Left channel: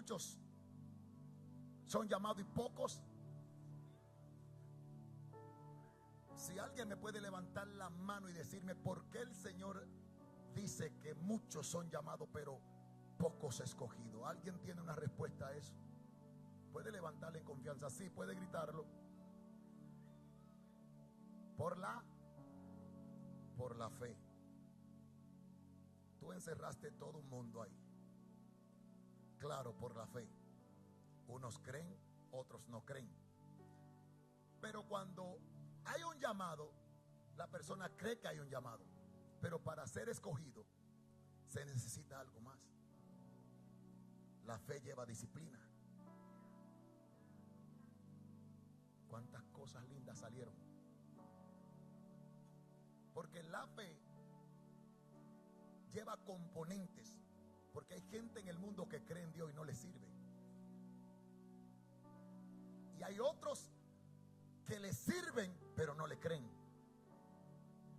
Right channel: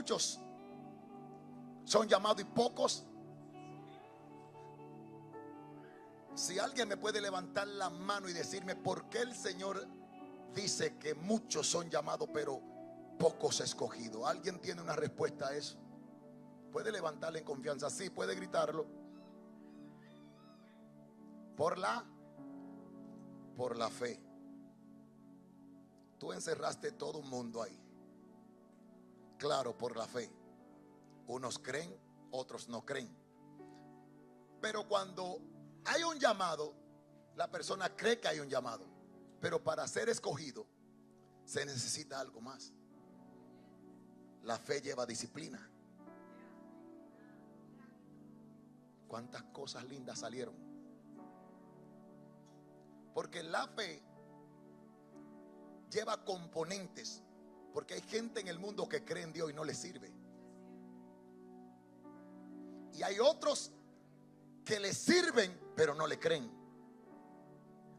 muchos son llamados y pocos. Si alguien me puede levantar la mano y decirme por qué el Señor dice que muchos son llamados pero pocos escogidos. ¿Alguien tiene una respuesta a eso? Puede levantarle en confianza. Sí, puede gritarlo. Por la fe. Tú encerraste todo un mundo ahí. Claro, por la fe. Unos creen, otros no creen. Pero cuando hay un llamado, la persona cree que hay un llamado. Pero para ser escogido se necesita algo más. La fe lleva disciplina. ¿Cuántas cosas lindas salieron? Porque la fe lleva componentes. Porque hay gente en el mundo que cree en Dios y no le sirve. Y hay otros que le sirven pero no le creen.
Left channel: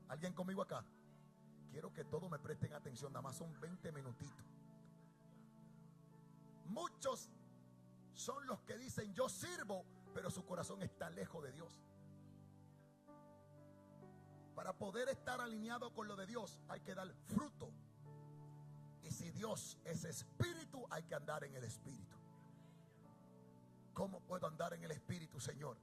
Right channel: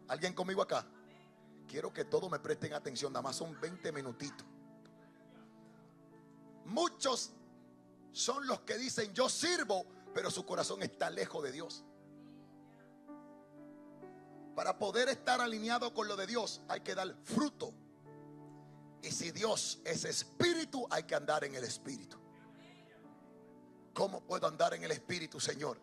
¿Alguien conmigo acá? Quiero que todos me presten atención. Nada más son 20 minutitos. Muchos son los que dicen yo sirvo, pero su corazón está lejos de Dios. Para poder estar alineado con lo de Dios hay que dar fruto. Y si Dios es espíritu, hay que andar en el espíritu. ¿Cómo puedo andar en el espíritu, Señor?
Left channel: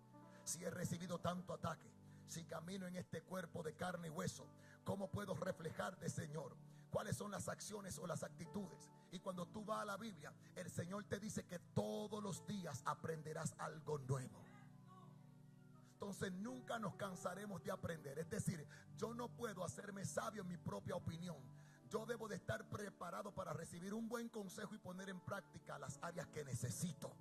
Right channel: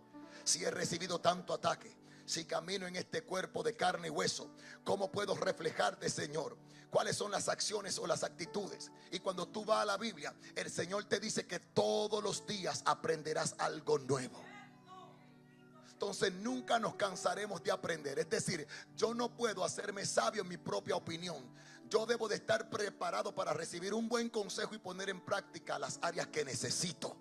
Si he recibido tanto ataque, si camino en este cuerpo de carne y hueso, ¿cómo puedo reflejarte, Señor? ¿Cuáles son las acciones o las actitudes? Y cuando tú vas a la Biblia, el Señor te dice que todos los días aprenderás algo nuevo. Entonces nunca nos cansaremos de aprender. Es decir, yo no puedo hacerme sabio en mi propia opinión. Yo debo de estar preparado para recibir un buen consejo y poner en práctica las áreas que necesito.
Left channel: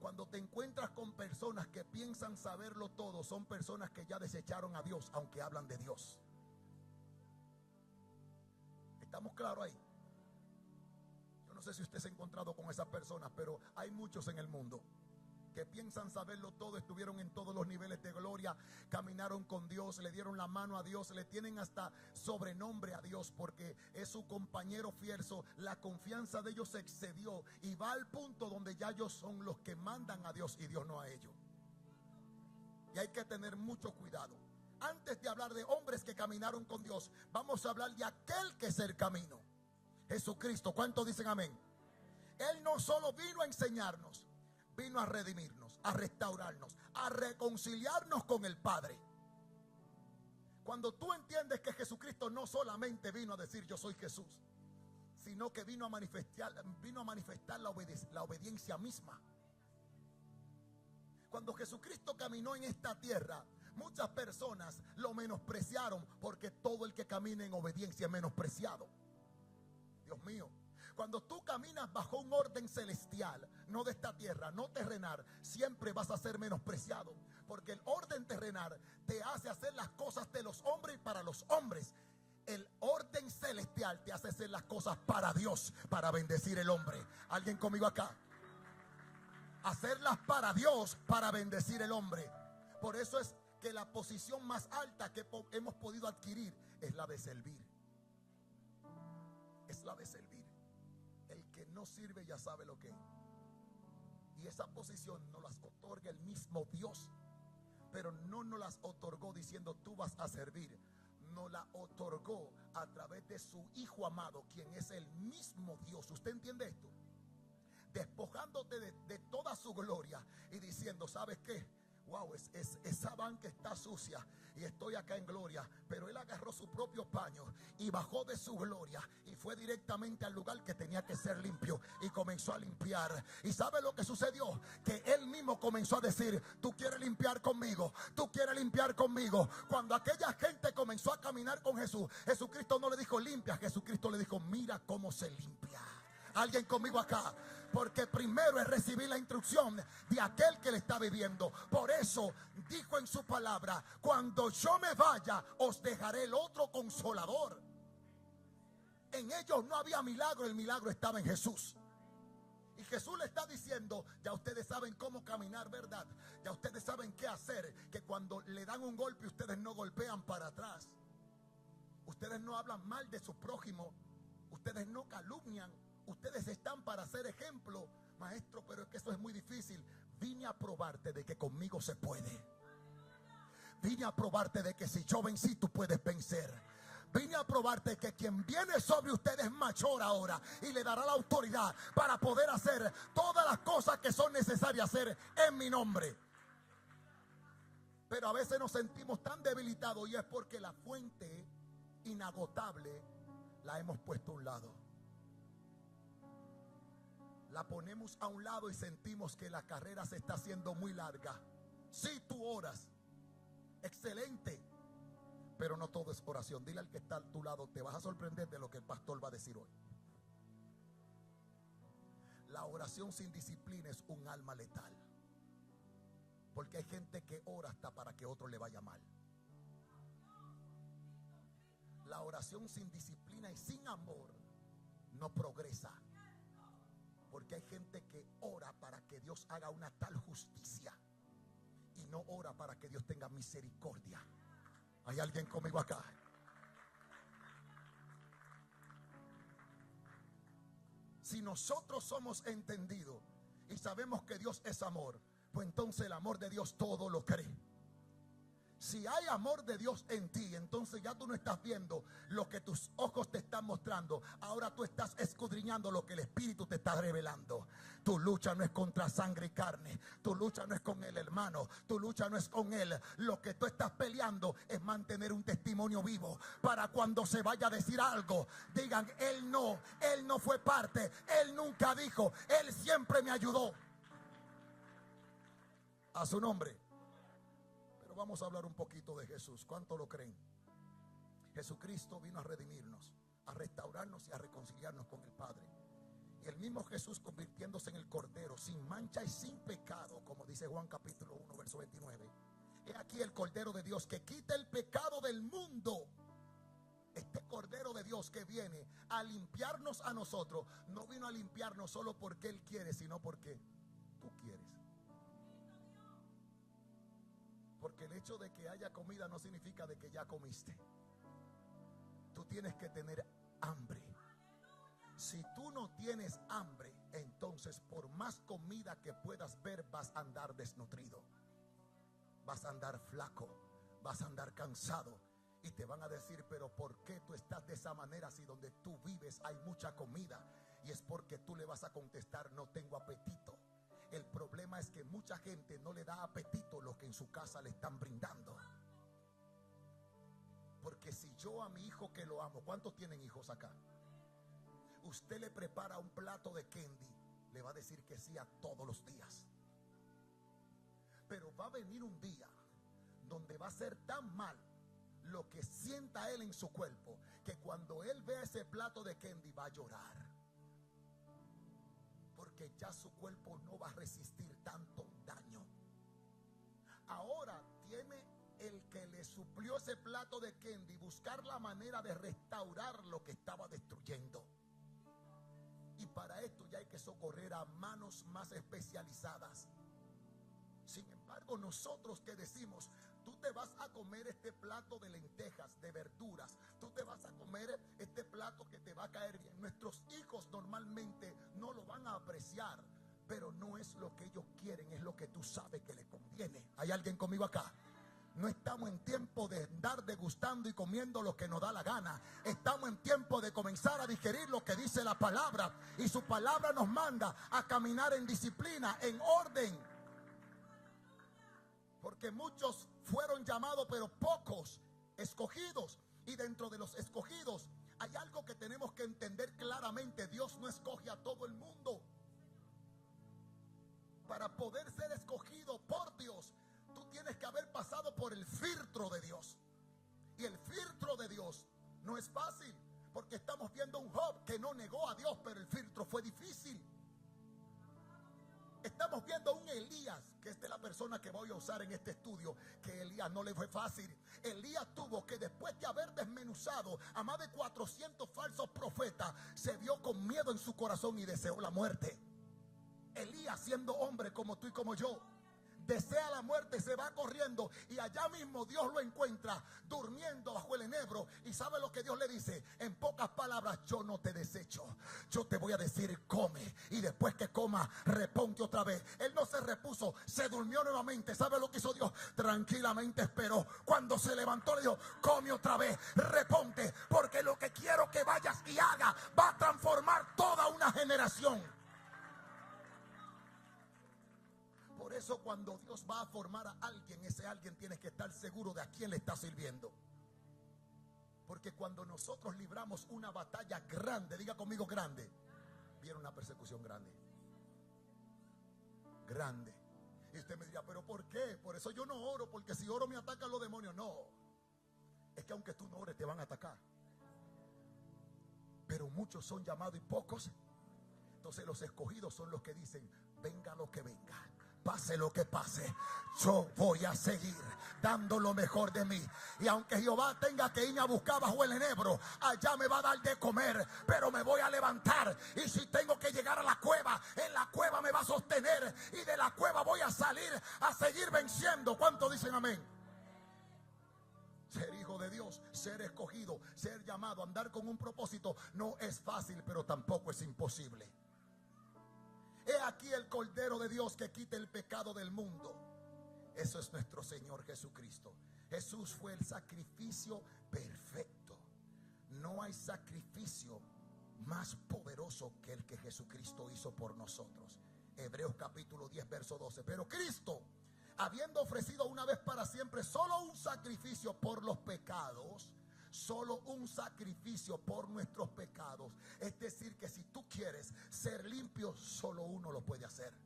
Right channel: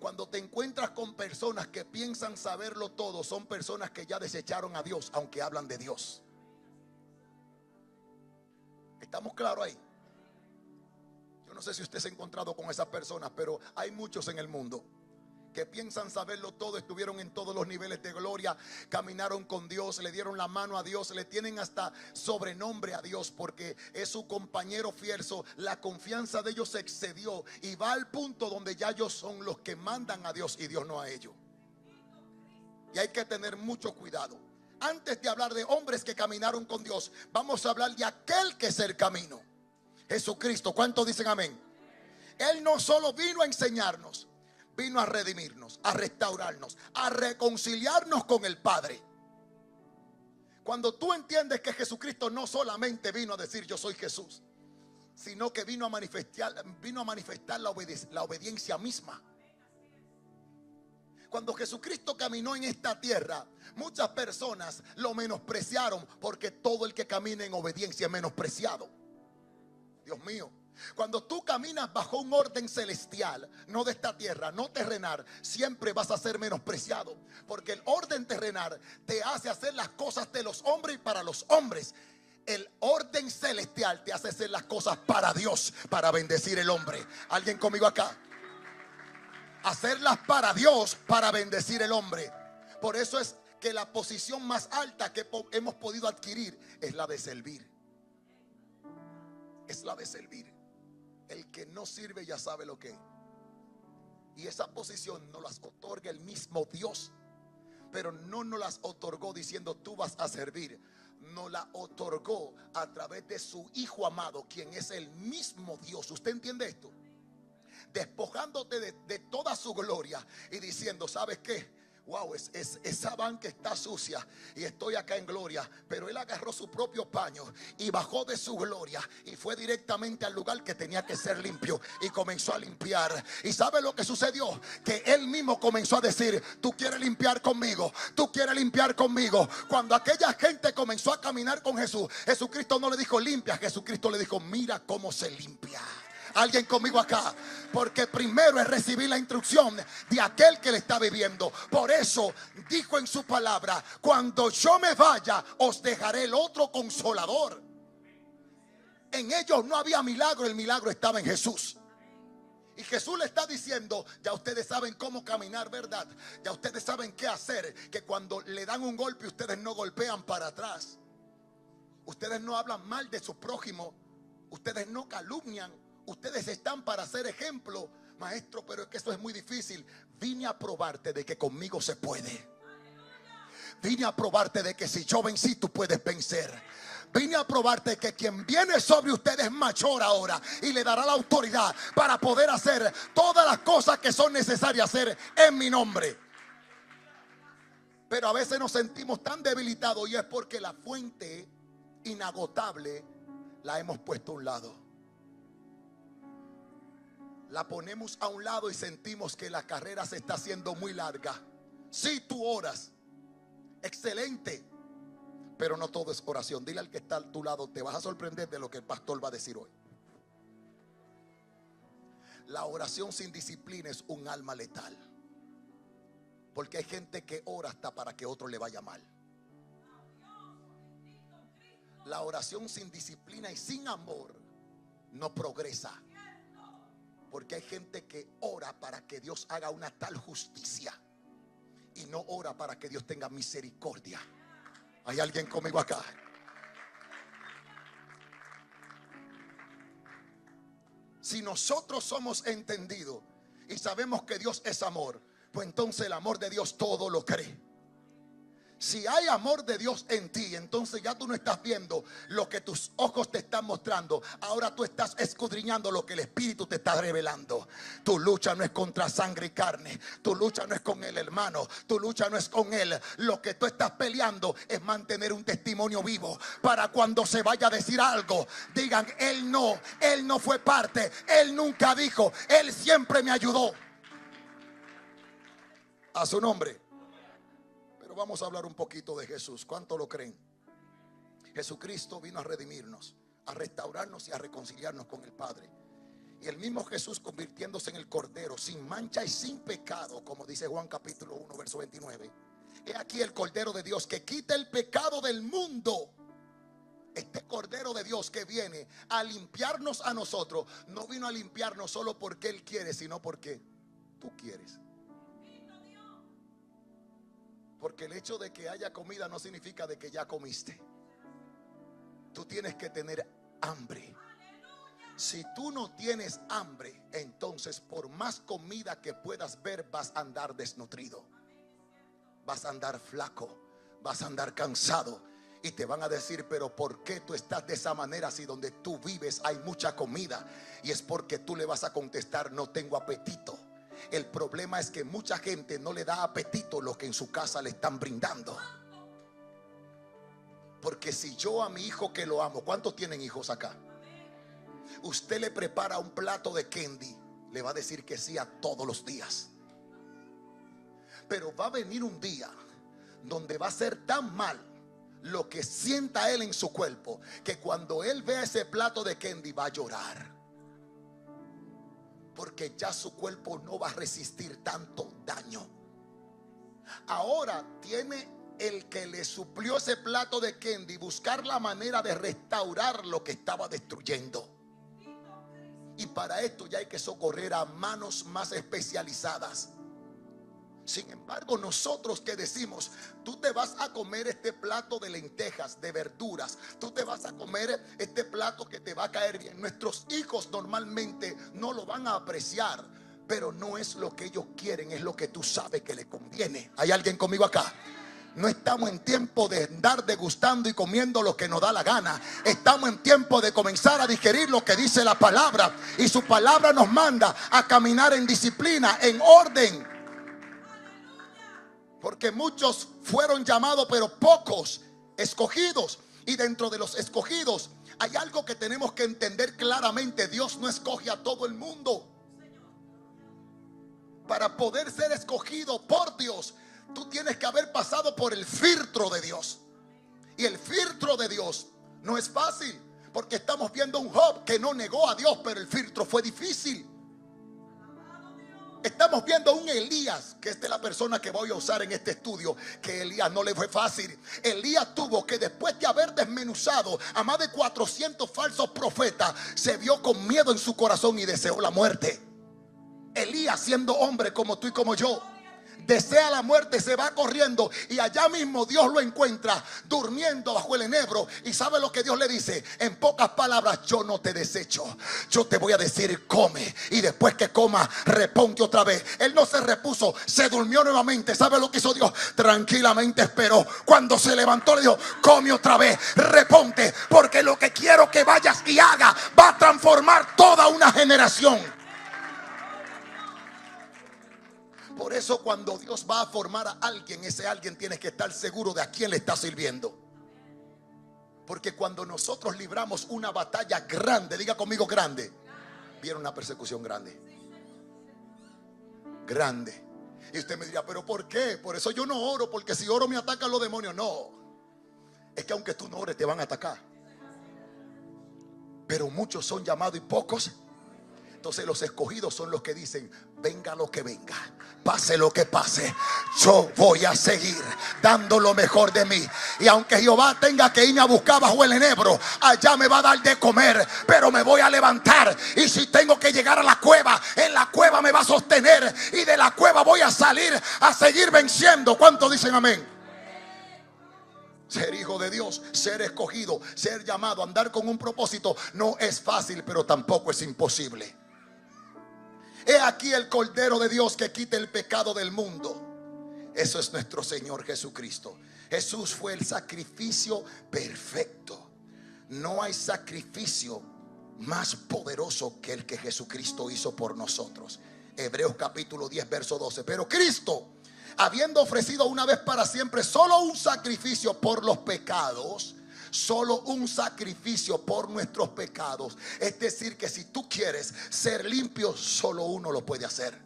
Cuando te encuentras con personas que piensan saberlo todo, son personas que ya desecharon a Dios, aunque hablan de Dios. ¿Estamos claros ahí? Yo no sé si usted se ha encontrado con esas personas, pero hay muchos en el mundo que piensan saberlo todo, estuvieron en todos los niveles de gloria, caminaron con Dios, le dieron la mano a Dios, le tienen hasta sobrenombre a Dios porque es su compañero fierzo. La confianza de ellos se excedió y va al punto donde ya ellos son los que mandan a Dios y Dios no a ellos. Y hay que tener mucho cuidado. Antes de hablar de hombres que caminaron con Dios, vamos a hablar de aquel que es el camino, Jesucristo. ¿Cuántos dicen amén? Él no solo vino a enseñarnos, vino a redimirnos, a restaurarnos, a reconciliarnos con el Padre. Cuando tú entiendes que Jesucristo no solamente vino a decir yo soy Jesús, sino que vino a manifestar la obediencia misma. Cuando Jesucristo caminó en esta tierra, muchas personas lo menospreciaron, porque todo el que camina en obediencia es menospreciado. Dios mío. Cuando tú caminas bajo un orden celestial, no de esta tierra, no terrenal, siempre vas a ser menospreciado, porque el orden terrenal te hace hacer las cosas de los hombres y para los hombres. El orden celestial te hace hacer las cosas para Dios, para bendecir el hombre. ¿Alguien conmigo acá? Hacerlas para Dios, para bendecir el hombre. Por eso es que la posición más alta que hemos podido adquirir es la de servir. Es la de servir. El que no sirve ya sabe lo que es. Y esa posición nos las otorga el mismo Dios. Pero no nos las otorgó diciendo tú vas a servir. Nos la otorgó a través de su Hijo amado, quien es el mismo Dios. ¿Usted entiende esto? Despojándote de toda su gloria y diciendo, ¿sabes qué? Wow, esa banca está sucia y estoy acá en gloria. Pero él agarró su propio paño y bajó de su gloria y fue directamente al lugar que tenía que ser limpio y comenzó a limpiar. ¿Y sabe lo que sucedió? Que él mismo comenzó a decir, tú quieres limpiar conmigo, tú quieres limpiar conmigo. Cuando aquella gente comenzó a caminar con Jesús, Jesucristo no le dijo limpia, Jesucristo le dijo mira cómo se limpia. Alguien conmigo acá, porque primero es recibir la instrucción de aquel que le está viviendo. Por eso dijo en su palabra, cuando yo me vaya os dejaré el otro consolador. En ellos no había milagro, el milagro estaba en Jesús. Y Jesús le está diciendo, ya ustedes saben cómo caminar, ¿verdad? Ya ustedes saben qué hacer, que cuando le dan un golpe ustedes no golpean para atrás. Ustedes no hablan mal de su prójimo, ustedes no calumnian. Ustedes están para ser ejemplo Maestro, pero es que eso es muy difícil. Vine a probarte de que conmigo se puede. Vine a probarte de que si yo vencí, tú puedes vencer. Vine a probarte que quien viene sobre ustedes es mayor ahora y le dará la autoridad para poder hacer todas las cosas que son necesarias hacer en mi nombre. Pero a veces nos sentimos tan debilitados, y es porque la fuente inagotable la hemos puesto a un lado. La ponemos a un lado y sentimos que la carrera se está haciendo muy larga. Sí, tú oras, excelente, pero no todo es oración. Dile al que está a tu lado, te vas a sorprender de lo que el pastor va a decir hoy. La oración sin disciplina es un alma letal. Porque hay gente que ora hasta para que otro le vaya mal. La oración sin disciplina y sin amor no progresa. Porque hay gente que ora para que Dios haga una tal justicia y no ora para que Dios tenga misericordia. ¿Hay alguien conmigo acá? Si nosotros somos entendidos y sabemos que Dios es amor, pues entonces el amor de Dios todo lo cree. Si hay amor de Dios en ti, entonces ya tú no estás viendo lo que tus ojos te están mostrando. Ahora tú estás escudriñando lo que el Espíritu te está revelando. Tu lucha no es contra sangre y carne. Tu lucha no es con el hermano. Tu lucha no es con él. Lo que tú estás peleando es mantener un testimonio vivo para cuando se vaya a decir algo, digan: él no fue parte, él nunca dijo, él siempre me ayudó. A su nombre. Pero vamos a hablar un poquito de Jesús. ¿Cuánto lo creen? Jesucristo vino a redimirnos, a restaurarnos y a reconciliarnos con el Padre. Y el mismo Jesús, convirtiéndose en el Cordero sin mancha y sin pecado, como dice Juan capítulo 1 verso 29. He aquí el Cordero de Dios que quita el pecado del mundo. Este Cordero de Dios que viene a limpiarnos a nosotros, no vino a limpiarnos solo porque Él quiere, sino porque tú quieres. Porque el hecho de que haya comida no significa de que ya comiste. Tú tienes que tener hambre. Si tú no tienes hambre, entonces por más comida que puedas ver, vas a andar desnutrido. Vas a andar flaco. Vas a andar cansado. Y te van a decir: pero ¿por qué tú estás de esa manera si donde tú vives hay mucha comida? Y es porque tú le vas a contestar: no tengo apetito. El problema es que mucha gente no le da apetito lo que en su casa le están brindando. Porque si yo a mi hijo que lo amo, ¿cuántos tienen hijos acá? Usted le prepara un plato de candy, le va a decir que sí a todos los días. Pero va a venir un día donde va a ser tan mal lo que sienta él en su cuerpo, que cuando él vea ese plato de candy va a llorar. Porque ya su cuerpo no va a resistir tanto daño. Ahora tiene el que le suplió ese plato de candy buscar la manera de restaurar lo que estaba destruyendo. Y para esto ya hay que socorrer a manos más especializadas. Sin embargo, nosotros que decimos: tú te vas a comer este plato de lentejas, de verduras, tú te vas a comer este plato que te va a caer bien. Nuestros hijos normalmente no lo van a apreciar, pero no es lo que ellos quieren, es lo que tú sabes que les conviene. ¿Hay alguien conmigo acá? No estamos en tiempo de andar degustando y comiendo lo que nos da la gana. Estamos en tiempo de comenzar a digerir lo que dice la palabra. Y su palabra nos manda a caminar en disciplina, en orden. Porque muchos fueron llamados, pero pocos escogidos. Y dentro de los escogidos hay algo que tenemos que entender claramente: Dios no escoge a todo el mundo. Para poder ser escogido por Dios, tú tienes que haber pasado por el filtro de Dios. Y el filtro de Dios no es fácil, porque estamos viendo un Job que no negó a Dios, pero el filtro fue difícil. Estamos viendo un Elías, que es de la persona que voy a usar en este estudio, que Elías no le fue fácil. Elías tuvo que, después de haber desmenuzado a más de 400 falsos profetas, se vio con miedo en su corazón y deseó la muerte. Elías, siendo hombre como tú y como yo, desea la muerte, se va corriendo, y allá mismo Dios lo encuentra durmiendo bajo el enebro. Y sabe lo que Dios le dice, en pocas palabras: yo no te desecho, yo te voy a decir come, y después que coma, reponte otra vez. Él no se repuso, se durmió nuevamente. ¿Sabe lo que hizo Dios? Tranquilamente esperó. Cuando se levantó le dijo: come otra vez, reponte, porque lo que quiero que vayas y haga va a transformar toda una generación. Por eso cuando Dios va a formar a alguien, ese alguien tiene que estar seguro de a quién le está sirviendo. Porque cuando nosotros libramos una batalla grande, diga conmigo grande, viene una persecución grande. Grande. Y usted me dirá: ¿pero por qué? Por eso yo no oro, porque si oro me atacan los demonios. No, es que aunque tú no ores te van a atacar. Pero muchos son llamados y pocos. Entonces los escogidos son los que dicen: venga lo que venga, pase lo que pase, yo voy a seguir dando lo mejor de mí. Y aunque Jehová tenga que irme a buscar bajo el enebro, allá me va a dar de comer, pero me voy a levantar. Y si tengo que llegar a la cueva, en la cueva me va a sostener, y de la cueva voy a salir a seguir venciendo. ¿Cuántos dicen amén? Ser hijo de Dios, ser escogido, ser llamado, andar con un propósito, no es fácil, pero tampoco es imposible. He aquí el Cordero de Dios que quita el pecado del mundo. Eso es nuestro Señor Jesucristo. Jesús fue el sacrificio perfecto. No hay sacrificio más poderoso que el que Jesucristo hizo por nosotros. Hebreos capítulo 10 verso 12. Pero Cristo, habiendo ofrecido una vez para siempre solo un sacrificio por los pecados, solo un sacrificio por nuestros pecados. Es decir, que si tú quieres ser limpio, solo uno lo puede hacer.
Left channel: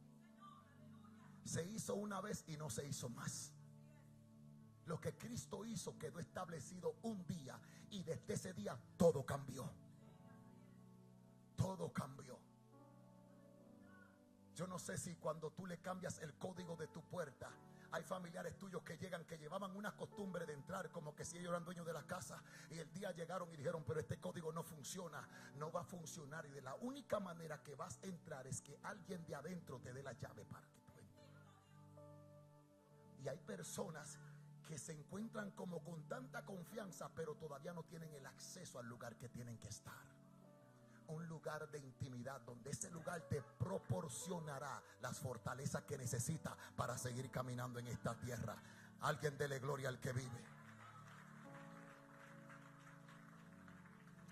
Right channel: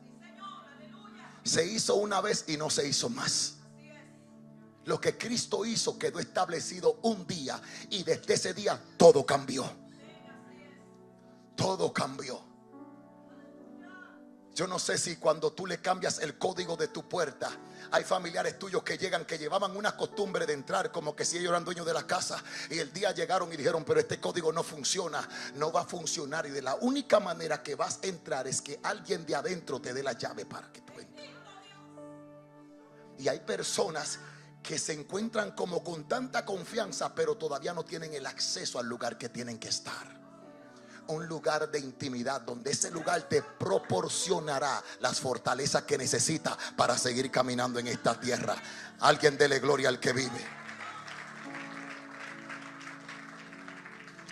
Se hizo una vez y no se hizo más. Lo que Cristo hizo quedó establecido un día, y desde ese día todo cambió. Todo cambió. Yo no sé si cuando tú le cambias el código de tu puerta, hay familiares tuyos que llegan, que llevaban una costumbre de entrar como que si ellos eran dueños de la casa, y el día llegaron y dijeron: pero este código no funciona, no va a funcionar. Y de la única manera que vas a entrar es que alguien de adentro te dé la llave para que tú entres. Y hay personas que se encuentran como con tanta confianza, pero todavía no tienen el acceso al lugar que tienen que estar. Un lugar de intimidad, donde ese lugar te proporcionará las fortalezas que necesitas para seguir caminando en esta tierra. Alguien dele gloria al que vive.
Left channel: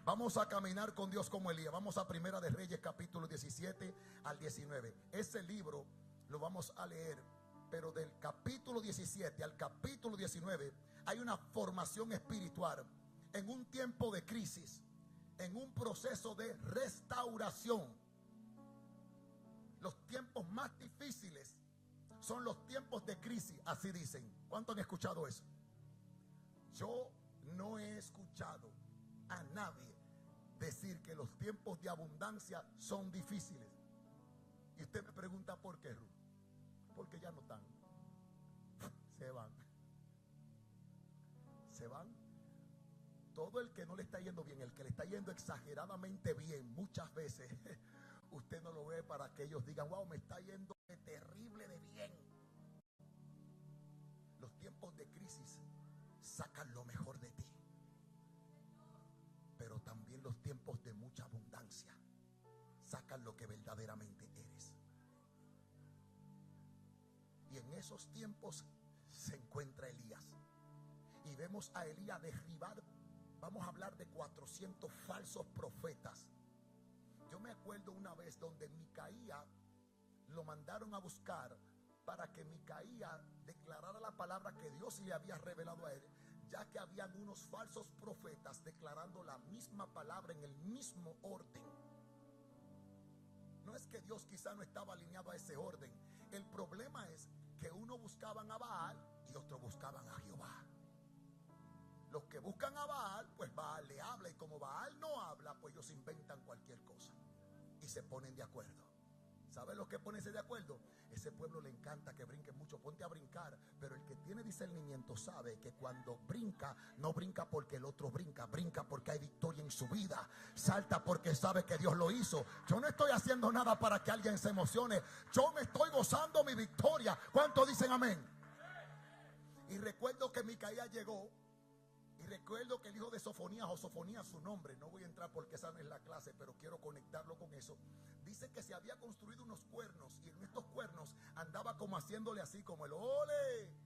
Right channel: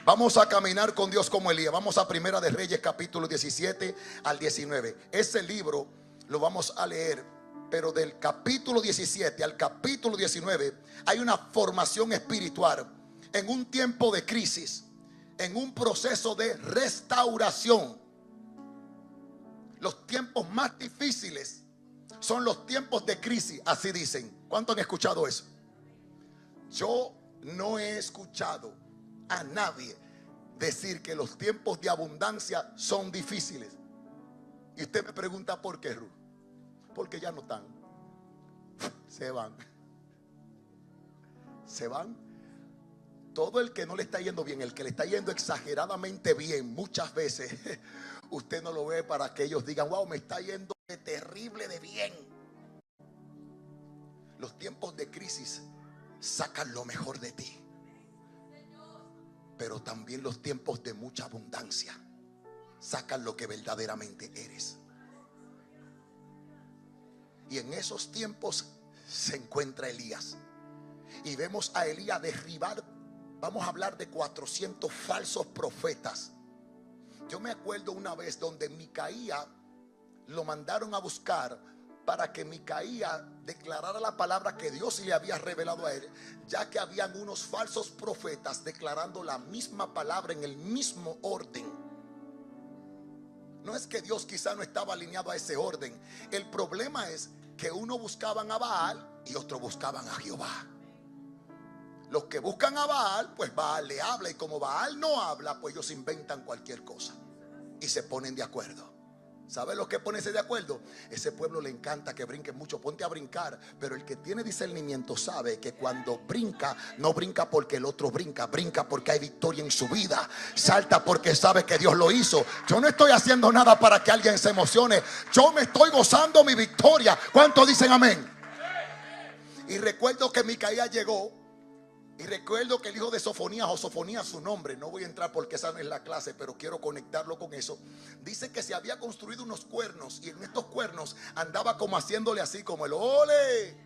Vamos a caminar con Dios como Elías. Vamos a Primera de Reyes capítulo 17 al 19. Ese libro lo vamos a leer, pero del capítulo 17 al capítulo 19 hay una formación espiritual en un tiempo de crisis, en un proceso de restauración. Los tiempos más difíciles son los tiempos de crisis, así dicen. ¿Cuántos han escuchado eso? Yo no he escuchado a nadie decir que los tiempos de abundancia son difíciles. Y usted me pregunta: ¿por qué, Ruth? Porque ya no están. Se van. Se van. Todo el que no le está yendo bien, el que le está yendo exageradamente bien, muchas veces usted no lo ve para que ellos digan: wow, me está yendo de terrible de bien. Los tiempos de crisis sacan lo mejor de ti, pero también los tiempos de mucha abundancia sacan lo que verdaderamente eres. Y en esos tiempos se encuentra Elías, y vemos a Elías derribar. Vamos a hablar de 400 falsos profetas. Yo me acuerdo una vez donde Micaía lo mandaron a buscar para que Micaía declarara la palabra que Dios le había revelado a él, ya que habían unos falsos profetas declarando la misma palabra en el mismo orden. No es que Dios quizá no estaba alineado a ese orden. El problema es que uno buscaban a Baal y otro buscaban a Jehová. Los que buscan a Baal, pues Baal le habla, y como Baal no habla, pues ellos inventan cualquier cosa y se ponen de acuerdo. ¿Sabes lo que es ponerse de acuerdo? Ese pueblo le encanta que brinquen mucho. Ponte a brincar. Pero el que tiene discernimiento sabe que cuando brinca, no brinca porque el otro brinca. Brinca porque hay victoria en su vida. Salta porque sabe que Dios lo hizo. Yo no estoy haciendo nada para que alguien se emocione. Yo me estoy gozando mi victoria. ¿Cuántos dicen amén? Y recuerdo que Micaías llegó. Y recuerdo que el hijo de Sofonías, o Sofonías su nombre, no voy a entrar porque esa no es la clase, pero quiero conectarlo con eso. Dice que se había construido unos cuernos, y en estos cuernos andaba como haciéndole así, como el ole.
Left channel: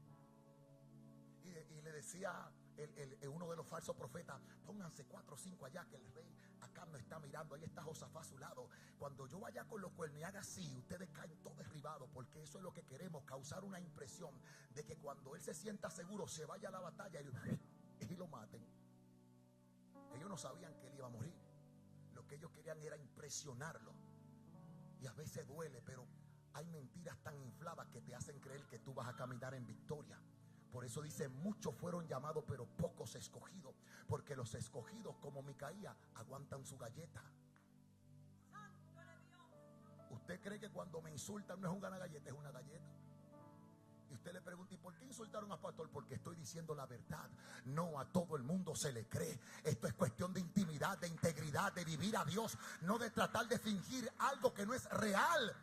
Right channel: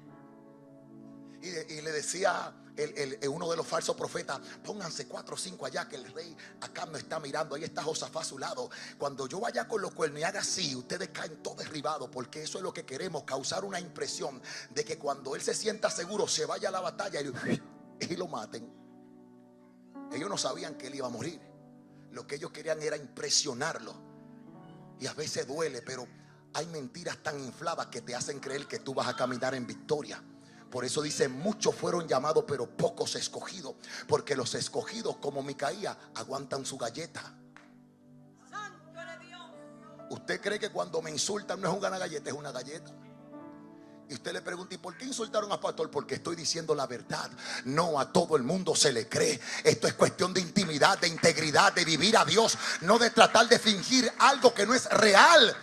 Y le decía uno de los falsos profetas: pónganse 4 o 5 allá, que el rey acá no está mirando. Ahí está Josafat a su lado. Cuando yo vaya con los cuernos y haga así, ustedes caen todos derribados, porque eso es lo que queremos, causar una impresión de que cuando él se sienta seguro, se vaya a la batalla y lo maten. Ellos no sabían que él iba a morir. Lo que ellos querían era impresionarlo. Y a veces duele, pero hay mentiras tan infladas que te hacen creer que tú vas a caminar en victoria. Por eso dice: muchos fueron llamados, pero pocos escogidos. Porque los escogidos, como Micaías, aguantan su galleta. ¿Usted cree que cuando me insultan no es una galleta, es una galleta? Y usted le pregunta: ¿y por qué insultaron a pastor? Porque estoy diciendo la verdad. No a todo el mundo se le cree. Esto es cuestión de intimidad, de integridad, de vivir a Dios, no de tratar de fingir algo que no es real.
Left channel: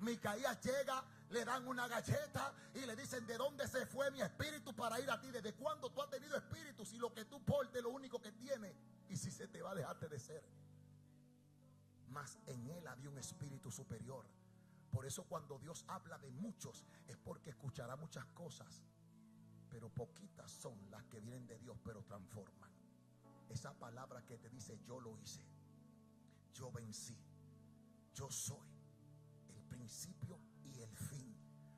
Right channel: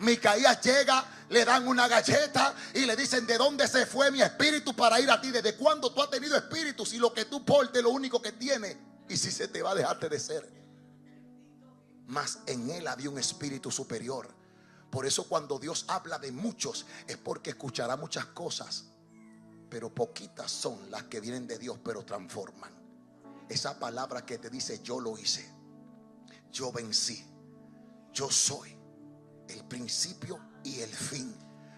Micaías llega, le dan una galleta y le dicen: ¿de dónde se fue mi espíritu para ir a ti? ¿Desde cuándo tú has tenido espíritu? Si lo que tú portes es lo único que tiene, y si se te va a dejarte de ser. Mas en él había un espíritu superior. Por eso cuando Dios habla de muchos, es porque escuchará muchas cosas, pero poquitas son las que vienen de Dios, pero transforman. Esa palabra que te dice: yo lo hice, yo vencí, yo soy el principio y el fin.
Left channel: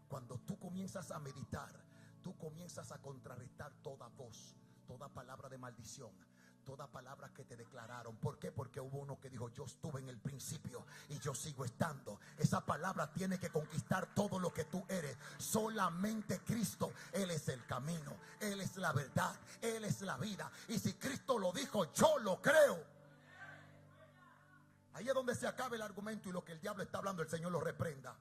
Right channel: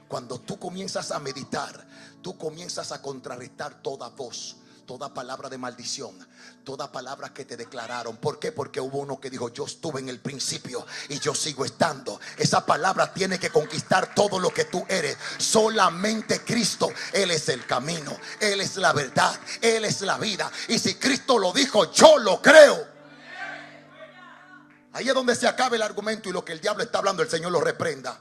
Cuando tú comienzas a meditar, tú comienzas a contrarrestar toda voz, toda palabra de maldición, toda palabra que te declararon. ¿Por qué? Porque hubo uno que dijo: yo estuve en el principio y yo sigo estando. Esa palabra tiene que conquistar todo lo que tú eres. Solamente Cristo, Él es el camino, Él es la verdad, Él es la vida. Y si Cristo lo dijo, yo lo creo. Ahí es donde se acaba el argumento, y lo que el diablo está hablando, el Señor lo reprenda.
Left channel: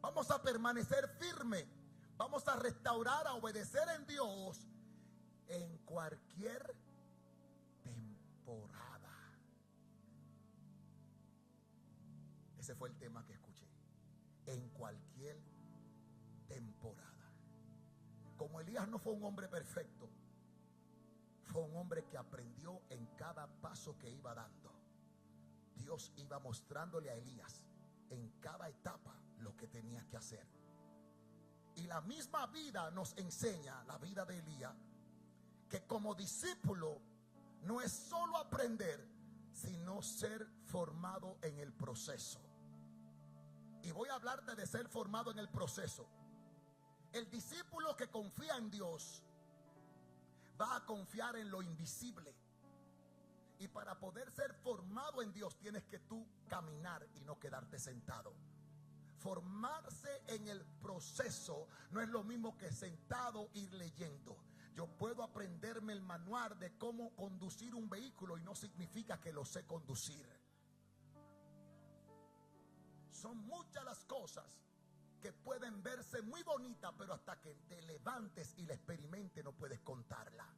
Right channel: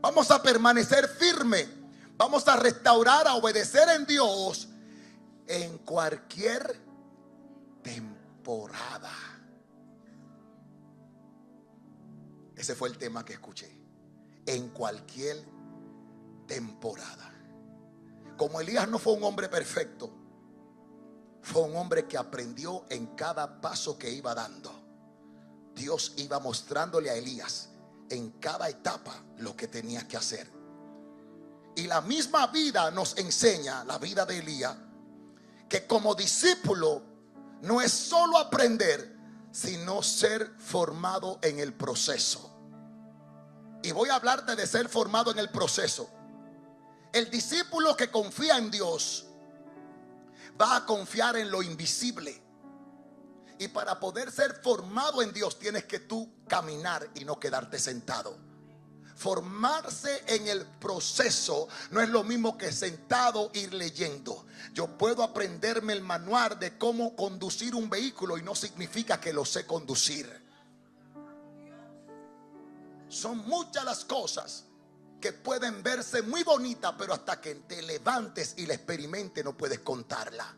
Vamos a permanecer firmes. Vamos a restaurar, a obedecer en Dios en cualquier temporada. Ese fue el tema que escuché. En cualquier temporada. Como Elías no fue un hombre perfecto, fue un hombre que aprendió en cada paso que iba dando. Dios iba mostrándole a Elías en cada etapa lo que tenía que hacer. Y la misma vida nos enseña, la vida de Elías, que como discípulo no es solo aprender, sino ser formado en el proceso. Y voy a hablarte de ser formado en el proceso. El discípulo que confía en Dios va a confiar en lo invisible. Y para poder ser formado en Dios, tienes que tú caminar y no quedarte sentado. Formarse en el proceso no es lo mismo que sentado ir leyendo. Yo puedo aprenderme el manual de cómo conducir un vehículo y no significa que lo sé conducir. Son muchas las cosas que pueden verse muy bonitas, pero hasta que te levantes y la experimentes no puedes contarla.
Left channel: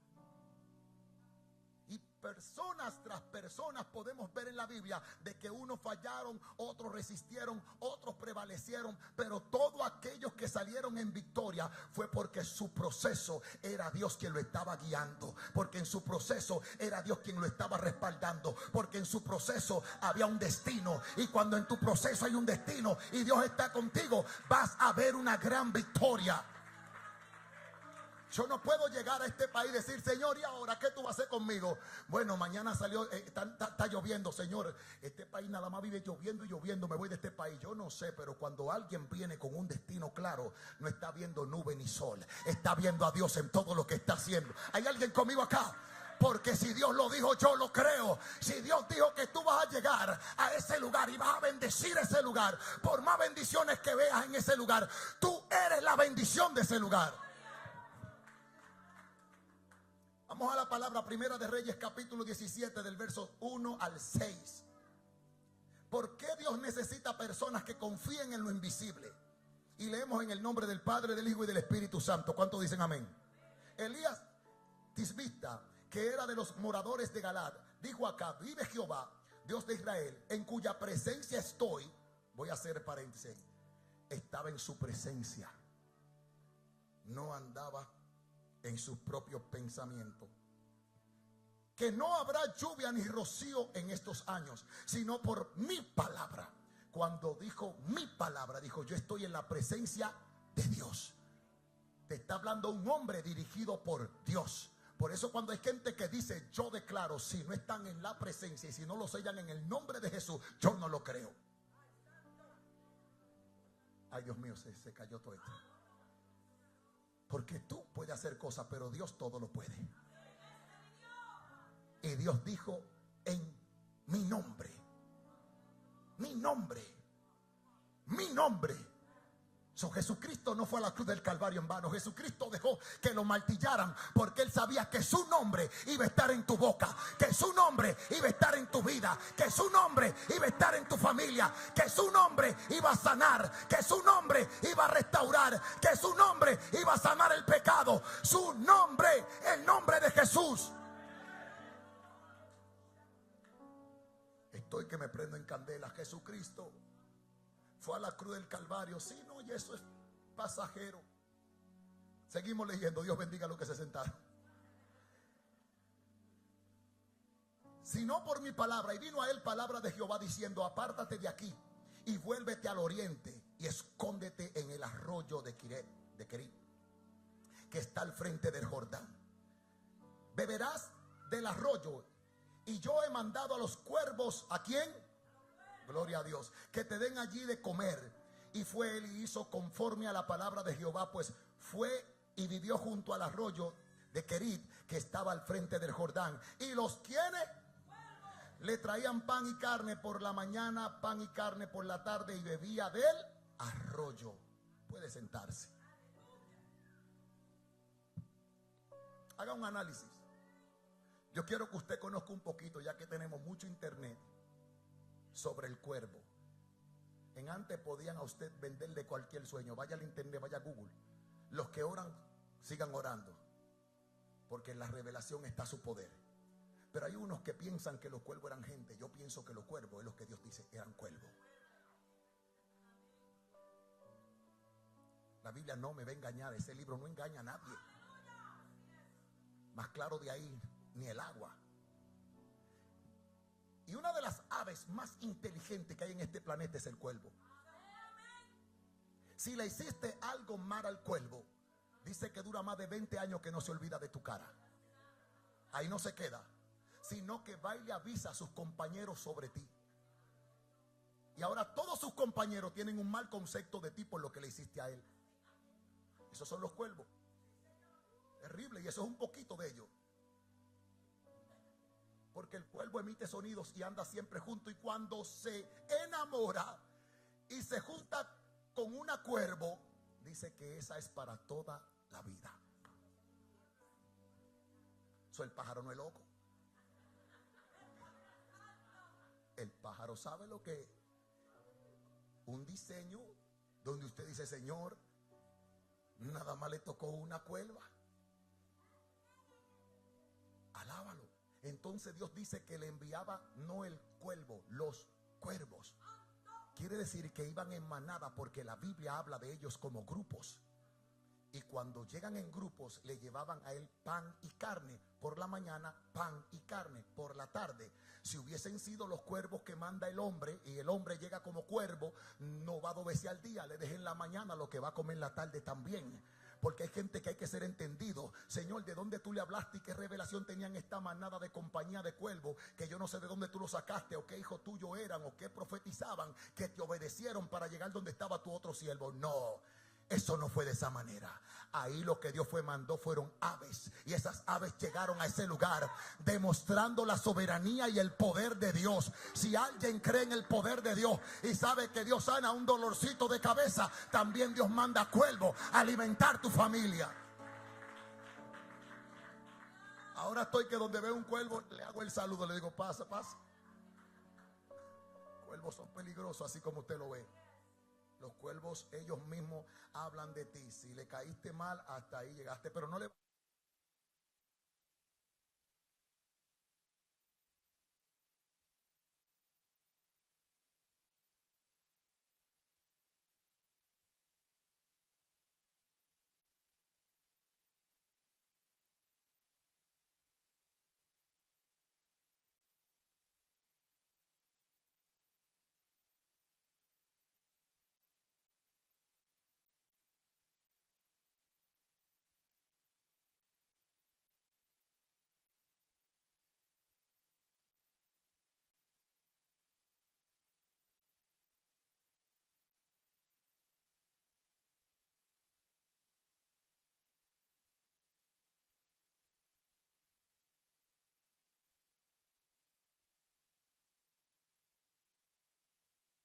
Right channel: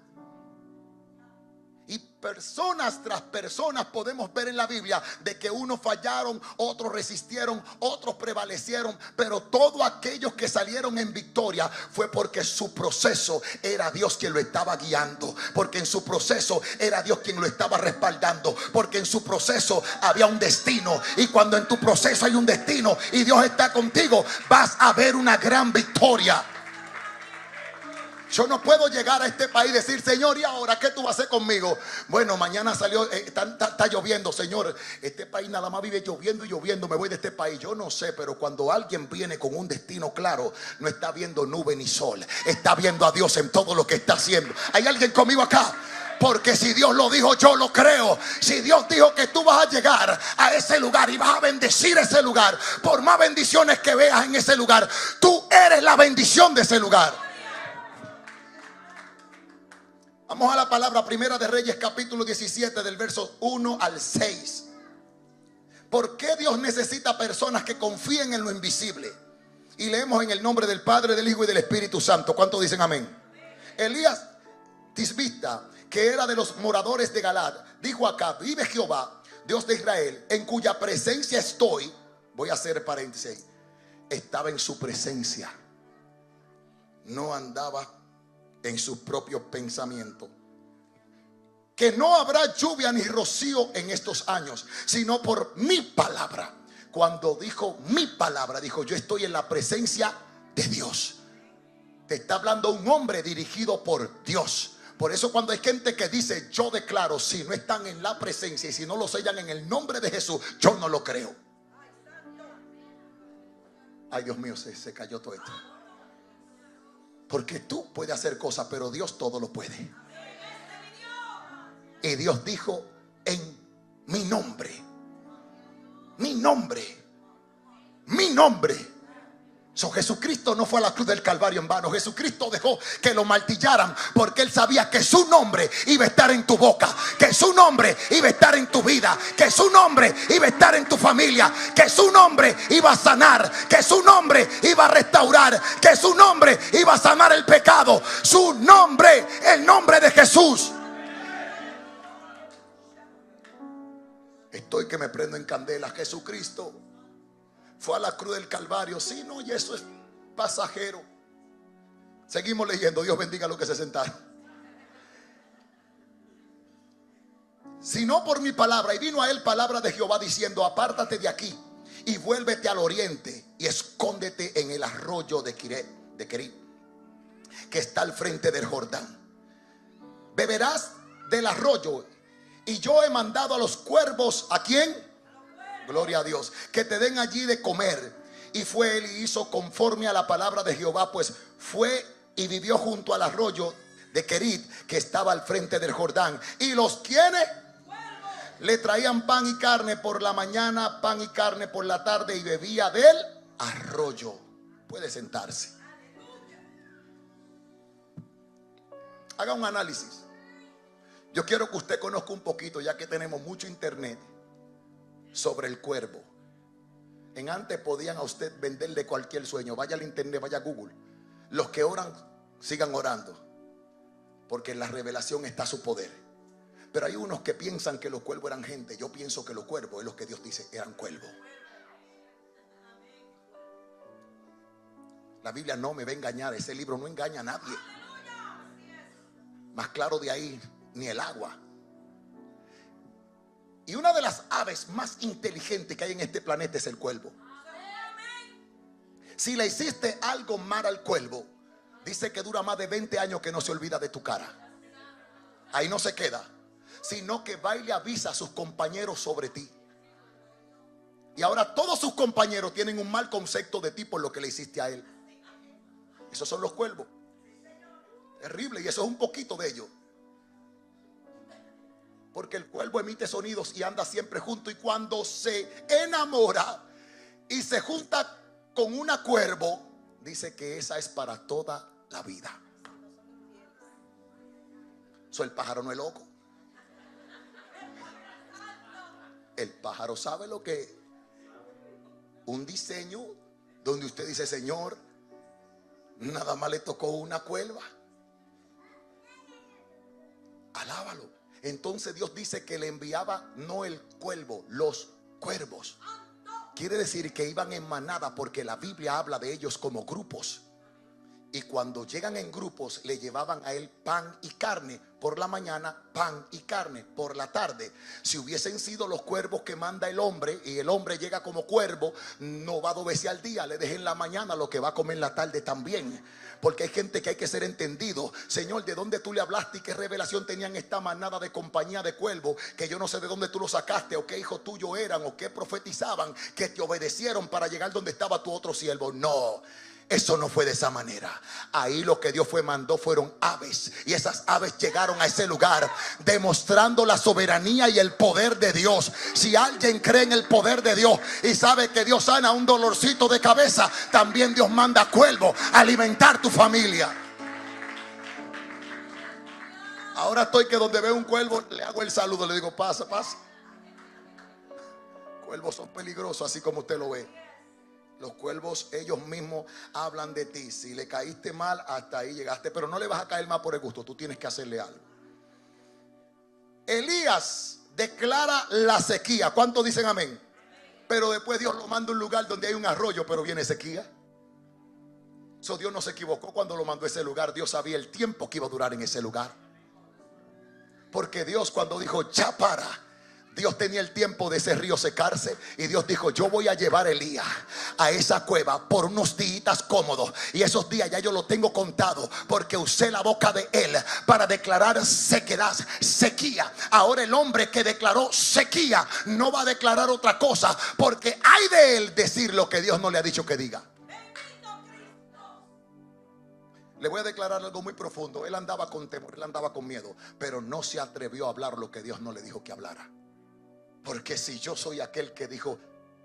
Y personas tras personas podemos ver en la Biblia de que unos fallaron, otros resistieron, otros prevalecieron, pero todos aquellos que salieron en victoria fue porque su proceso era Dios quien lo estaba guiando, porque en su proceso era Dios quien lo estaba respaldando, porque en su proceso había un destino. Y cuando en tu proceso hay un destino y Dios está contigo, vas a ver una gran victoria. Yo no puedo llegar a este país y decir: Señor, ¿y ahora qué tú vas a hacer conmigo? Bueno, mañana salió, está lloviendo. Señor, este país nada más vive lloviendo y lloviendo, me voy de este país. Yo no sé, pero cuando alguien viene con un destino claro, no está viendo nube ni sol, está viendo a Dios en todo lo que está haciendo. ¿Hay alguien conmigo acá? Porque si Dios lo dijo, yo lo creo. Si Dios dijo que tú vas a llegar a ese lugar y vas a bendecir ese lugar, por más bendiciones que veas en ese lugar, tú eres la bendición de ese lugar. Vamos a la palabra, Primera de Reyes, capítulo 17, del verso 1 al 6. ¿Por qué Dios necesita personas que confíen en lo invisible? Y leemos en el nombre del Padre, del Hijo y del Espíritu Santo. ¿Cuántos dicen amén? Elías Tisbita, que era de los moradores de Galad, dijo acá: vive Jehová, Dios de Israel, en cuya presencia estoy. Voy a hacer paréntesis. Estaba en su presencia. No andaba en sus propios pensamientos. Que no habrá lluvia ni rocío en estos años, sino por mi palabra. Cuando dijo mi palabra, dijo: yo estoy en la presencia de Dios. Te está hablando un hombre dirigido por Dios. Por eso cuando hay gente que dice yo declaro, si no están en la presencia y si no lo sellan en el nombre de Jesús, yo no lo creo. Ay, Dios mío, se cayó todo esto. Porque tú puedes hacer cosas, pero Dios todo lo puede. Y Dios dijo: en mi nombre, mi nombre, mi nombre. Jesucristo no fue a la cruz del Calvario en vano. Jesucristo dejó que lo martillaran porque Él sabía que su nombre iba a estar en tu boca, que su nombre iba a estar en tu vida, que su nombre iba a estar en tu familia, que su nombre iba a sanar, que su nombre iba a restaurar, que su nombre iba a sanar el pecado. Su nombre, el nombre de Jesús. Estoy que me prendo en candela. Jesucristo fue a la cruz del Calvario. Sí, no, y eso es pasajero. Seguimos leyendo. Dios bendiga a los que se sentaron. Sino por mi palabra. Y vino a él palabra de Jehová diciendo: apártate de aquí y vuélvete al oriente y escóndete en el arroyo de Kerit, que está al frente del Jordán. Beberás del arroyo, y yo he mandado a los cuervos. ¿A quién? Gloria a Dios. Que te den allí de comer. Y fue él y hizo conforme a la palabra de Jehová, pues fue y vivió junto al arroyo de Kerit, que estaba al frente del Jordán. Y los quienes le traían pan y carne por la mañana, pan y carne por la tarde, y bebía del arroyo. Puede sentarse. Haga un análisis. Yo quiero que usted conozca un poquito, ya que tenemos mucho internet, sobre el cuervo. En antes podían a usted venderle cualquier sueño. Vaya al internet, vaya a Google. Los que oran, sigan orando, porque en la revelación está su poder. Pero hay unos que piensan que los cuervos eran gente. Yo pienso que los cuervos es lo que Dios dice, eran cuervos. La Biblia no me va a engañar. Ese libro no engaña a nadie. Más claro de ahí ni el agua. Y una de las aves más inteligentes que hay en este planeta es el cuervo. Si le hiciste algo mal al cuervo, dice que dura más de 20 años que no se olvida de tu cara. Ahí no se queda, sino que va y le avisa a sus compañeros sobre ti. Y ahora todos sus compañeros tienen un mal concepto de ti por lo que le hiciste a él. Esos son los cuervos. Terrible, y eso es un poquito de ellos. Porque el cuervo emite sonidos y anda siempre junto. Y cuando se enamora y se junta con una cuervo, dice que esa es para toda la vida. El pájaro no es loco. El pájaro sabe lo que es un diseño donde usted dice: Señor, nada más le tocó una cuerva. Alábalo. Entonces Dios dice que le enviaba no el cuervo, los cuervos. Quiere decir que iban en manada, porque la Biblia habla de ellos como grupos. Y cuando llegan en grupos, le llevaban a él pan y carne por la mañana, pan y carne por la tarde. Si hubiesen sido los cuervos que manda el hombre, y el hombre llega como cuervo, no va 2 veces al día, le deje en la mañana lo que va a comer en la tarde también. Porque hay gente que hay que ser entendido. Señor, ¿de dónde tú le hablaste y qué revelación tenían esta manada de compañía de cuervos? Que yo no sé de dónde tú lo sacaste, o qué hijo tuyo eran, o qué profetizaban, que te obedecieron para llegar donde estaba tu otro siervo. No. Eso no fue de esa manera. Ahí lo que Dios mandó fueron aves. Y esas aves llegaron a ese lugar demostrando la soberanía y el poder de Dios. Si alguien cree en el poder de Dios y sabe que Dios sana un dolorcito de cabeza, también Dios manda cuervo a alimentar tu familia. Ahora estoy que donde veo un cuervo le hago el saludo, le digo: pasa, pasa. cuervos son peligrosos, así como usted lo ve. Los cuervos, ellos mismos hablan de ti. Si le caíste mal, hasta ahí llegaste. Pero no le vas a caer mal por el gusto. Tú tienes que hacerle algo. Elías declara la sequía. ¿Cuántos dicen amén? Pero después Dios lo manda a un lugar donde hay un arroyo, pero viene sequía. Dios no se equivocó cuando lo mandó a ese lugar. Dios sabía el tiempo que iba a durar en ese lugar. Porque Dios, cuando dijo ya para, Dios tenía el tiempo de ese río secarse. Y Dios dijo, yo voy a llevar a Elías a esa cueva por unos días cómodos. Y esos días ya yo lo tengo contado, porque usé la boca de él para declarar sequedad, sequía. Ahora el hombre que declaró sequía no va a declarar otra cosa, porque hay de él decir lo que Dios no le ha dicho que diga. Le voy a declarar algo muy profundo. Él andaba con temor, él andaba con miedo, pero no se atrevió a hablar lo que Dios no le dijo que hablara. Porque si yo soy aquel que dijo,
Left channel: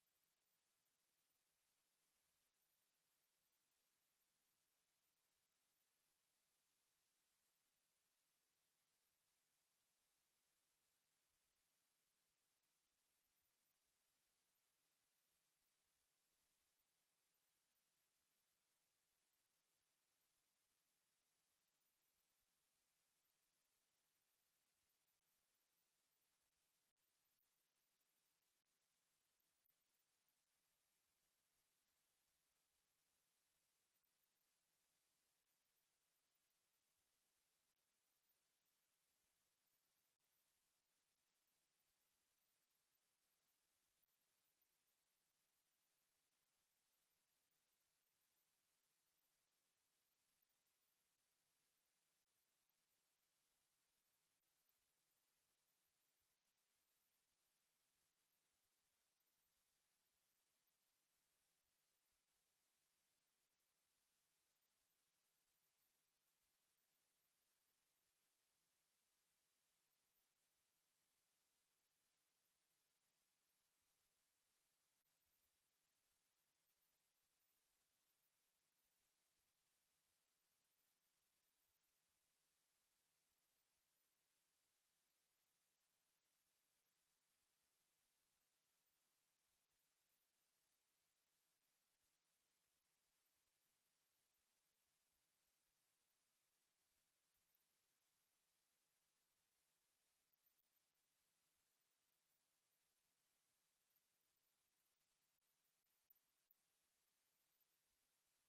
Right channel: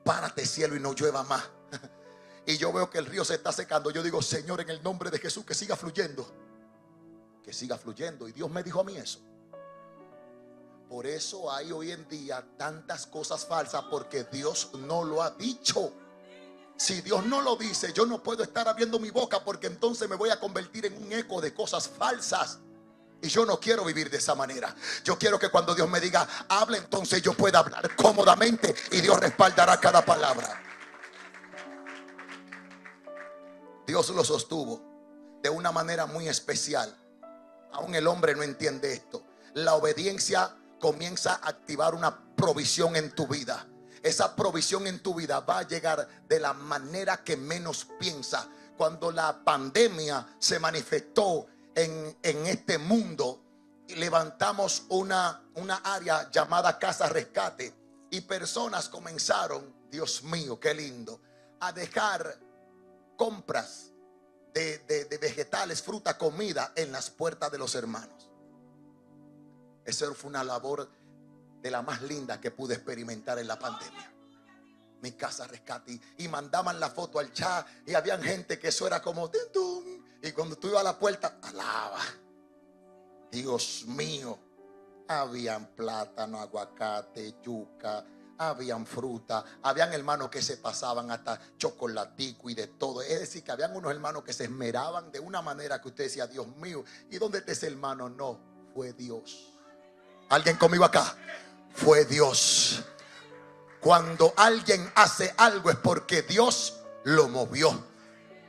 párate cielo y no llueva más, y yo veo que el río se está secando, yo digo, Señor, en el nombre de Jesús, que siga fluyendo. Que siga fluyendo. Y Dios me dijo a mí eso. Por eso hay hoy en día tantas cosas falsas, porque Dios no lo ha dicho. Si Dios no lo dice, yo no puedo estar abriendo mi boca, porque entonces me voy a convertir en un eco de cosas falsas. Y yo no quiero vivir de esa manera. Yo quiero que cuando Dios me diga, habla, entonces yo pueda hablar cómodamente, y Dios respaldará cada palabra. Dios lo sostuvo de una manera muy especial. Aún el hombre no entiende esto. La obediencia comienza a activar una provisión en tu vida. Esa provisión en tu vida va a llegar de la manera que menos piensa. Cuando la pandemia se manifestó en este mundo, levantamos una área llamada Casa Rescate, y personas comenzaron, Dios mío, qué lindo, a dejar compras de vegetales, fruta, comida en las puertas de los hermanos. Esa fue una labor de la más linda que pude experimentar en la pandemia. Mi Casa Rescate, y mandaban la foto al chat, y habían gente que eso era como y cuando tú ibas a la puerta, alaba. Dios mío, habían plátano, aguacate, yuca, habían fruta, habían hermanos que se pasaban hasta chocolatico y de todo. Es decir, que habían unos hermanos que se esmeraban de una manera que usted decía, Dios mío, ¿y dónde está ese hermano? No, fue Dios. ¿Alguien conmigo acá? Fue Dios. Cuando alguien hace algo es porque Dios lo movió.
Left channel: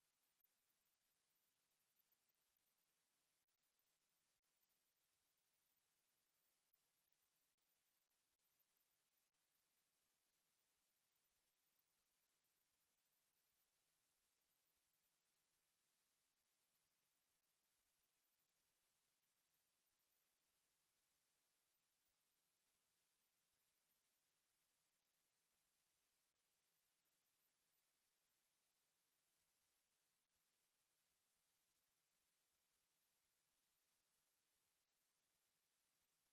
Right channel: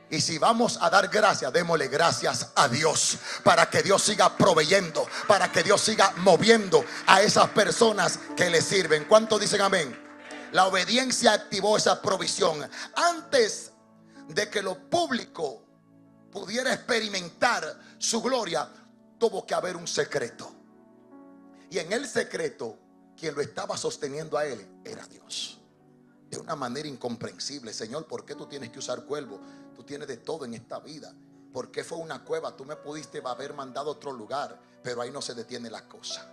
Y si vamos a dar gracias, démosle gracias a Dios, para que Dios siga proveyendo, para que Dios siga moviendo a esas personas que le sirven. ¿Cuántos dicen amén? La obediencia activó esa provisión. Antes de que lo público pudiera experimentar su gloria, tuvo que haber un secreto. Y en el secreto, quien lo estaba sosteniendo a él era Dios. De una manera incomprensible. Señor, ¿por qué tú tienes que usar cuervo? Tú tienes de todo en esta vida. ¿Por qué fue una cueva? Tú me pudiste haber mandado a otro lugar. Pero ahí no se detiene la cosa.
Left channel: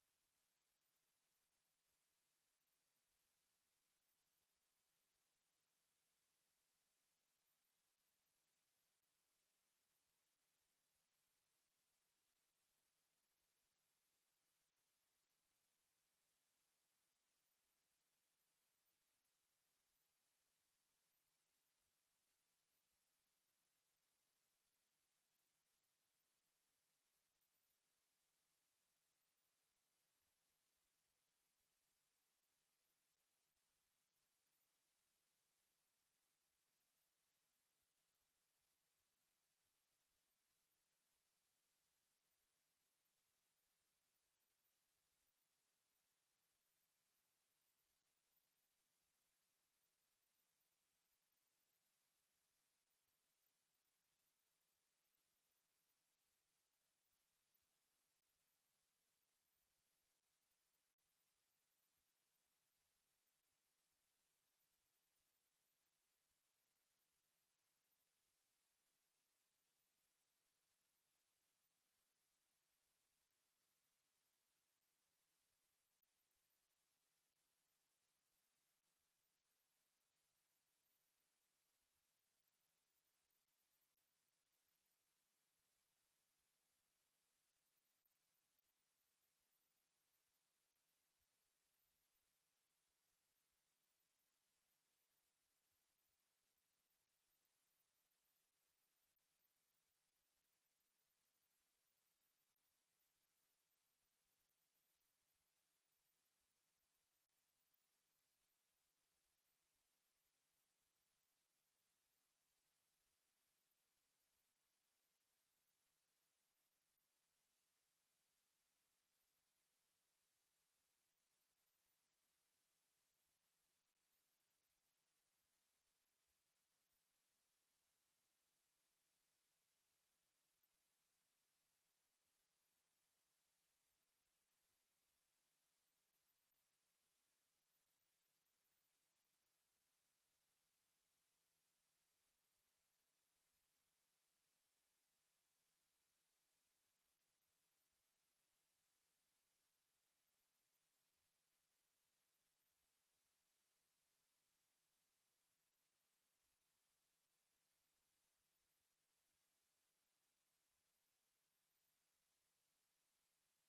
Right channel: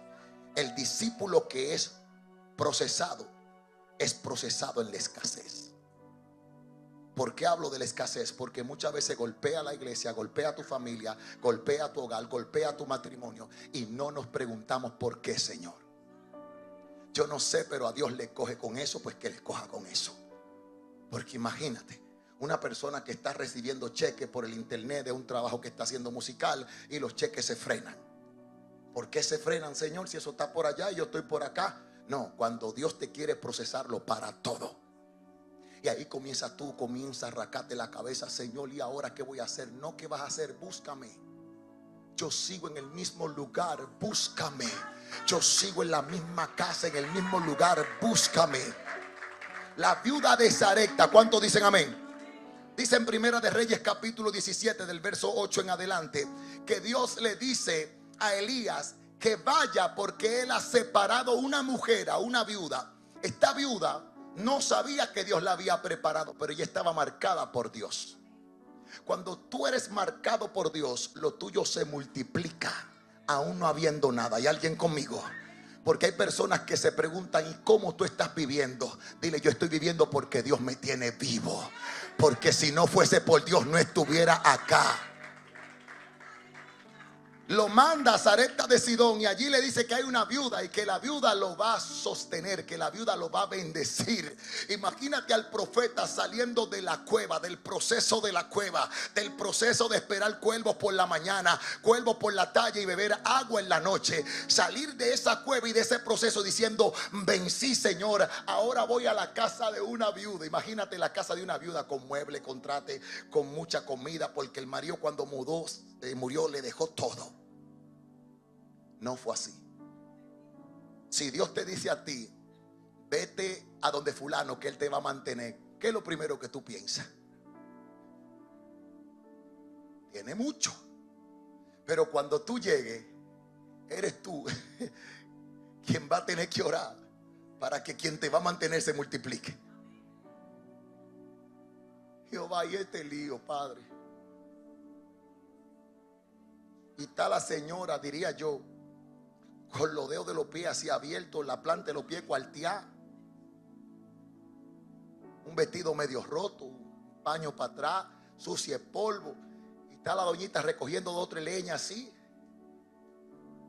El discípulo que es procesado en la escasez. ¿Por qué hablo de la escasez? Porque muchas veces golpea a la iglesia, golpea a tu familia, golpea a tu hogar, golpea a tu matrimonio, y no nos preguntamos por qué, Señor. Yo no sé, pero a Dios le coge con eso, pues que le coja con eso. Porque imagínate, una persona que está recibiendo cheques por el internet de un trabajo que está haciendo musical, y los cheques se frenan. ¿Por qué se frenan, Señor, si eso está por allá y yo estoy por acá? No, cuando Dios te quiere procesarlo para todo. Y ahí comienza a arrancarte la cabeza, Señor, ¿y ahora qué voy a hacer? No, ¿qué vas a hacer? Búscame. Yo sigo en el mismo lugar, búscame. Yo sigo en la misma casa, en el mismo lugar, búscame. La viuda de Sarepta, ¿cuántos dicen amén? Dice en Primera de Reyes capítulo 17 del verso 8 en adelante, que Dios le dice a Elías que vaya, porque él ha separado una mujer, a una viuda. Esta viuda no sabía que Dios la había preparado, pero ella estaba marcada por Dios. Cuando tú eres marcado por Dios, lo tuyo se multiplica, aún no habiendo nada. ¿Hay alguien conmigo? Porque hay personas que se preguntan, ¿y cómo tú estás viviendo? Dile, yo estoy viviendo porque Dios me tiene vivo. Porque si no fuese por Dios, no estuviera acá. Lo manda a Sarepta de Sidón y allí le dice que hay una viuda y que la viuda lo va a sostener, que la viuda lo va a bendecir. Imagínate al profeta saliendo de la cueva, del proceso de la cueva, del proceso de esperar cuervos por la mañana, cuervos por la tarde y beber agua en la noche. Salir de esa cueva y de ese proceso diciendo: vencí, Señor, ahora voy a la casa de una viuda. Imagínate la casa de una viuda con mueble, con trate, con mucha comida, porque el marido cuando murió le dejó todo. No fue así. Si Dios te dice a ti: vete a donde fulano, que él te va a mantener, ¿qué es lo primero que tú piensas? Tiene mucho. Pero cuando tú llegues, eres tú quien va a tener que orar para que quien te va a mantener se multiplique. Jehová, y este lío, Padre. Y está la señora, diría yo, con los dedos de los pies así abiertos, la planta de los pies cuarteada, un vestido medio roto, un paño para atrás, sucia de polvo. Y está la doñita recogiendo 2 o 3 leñas así.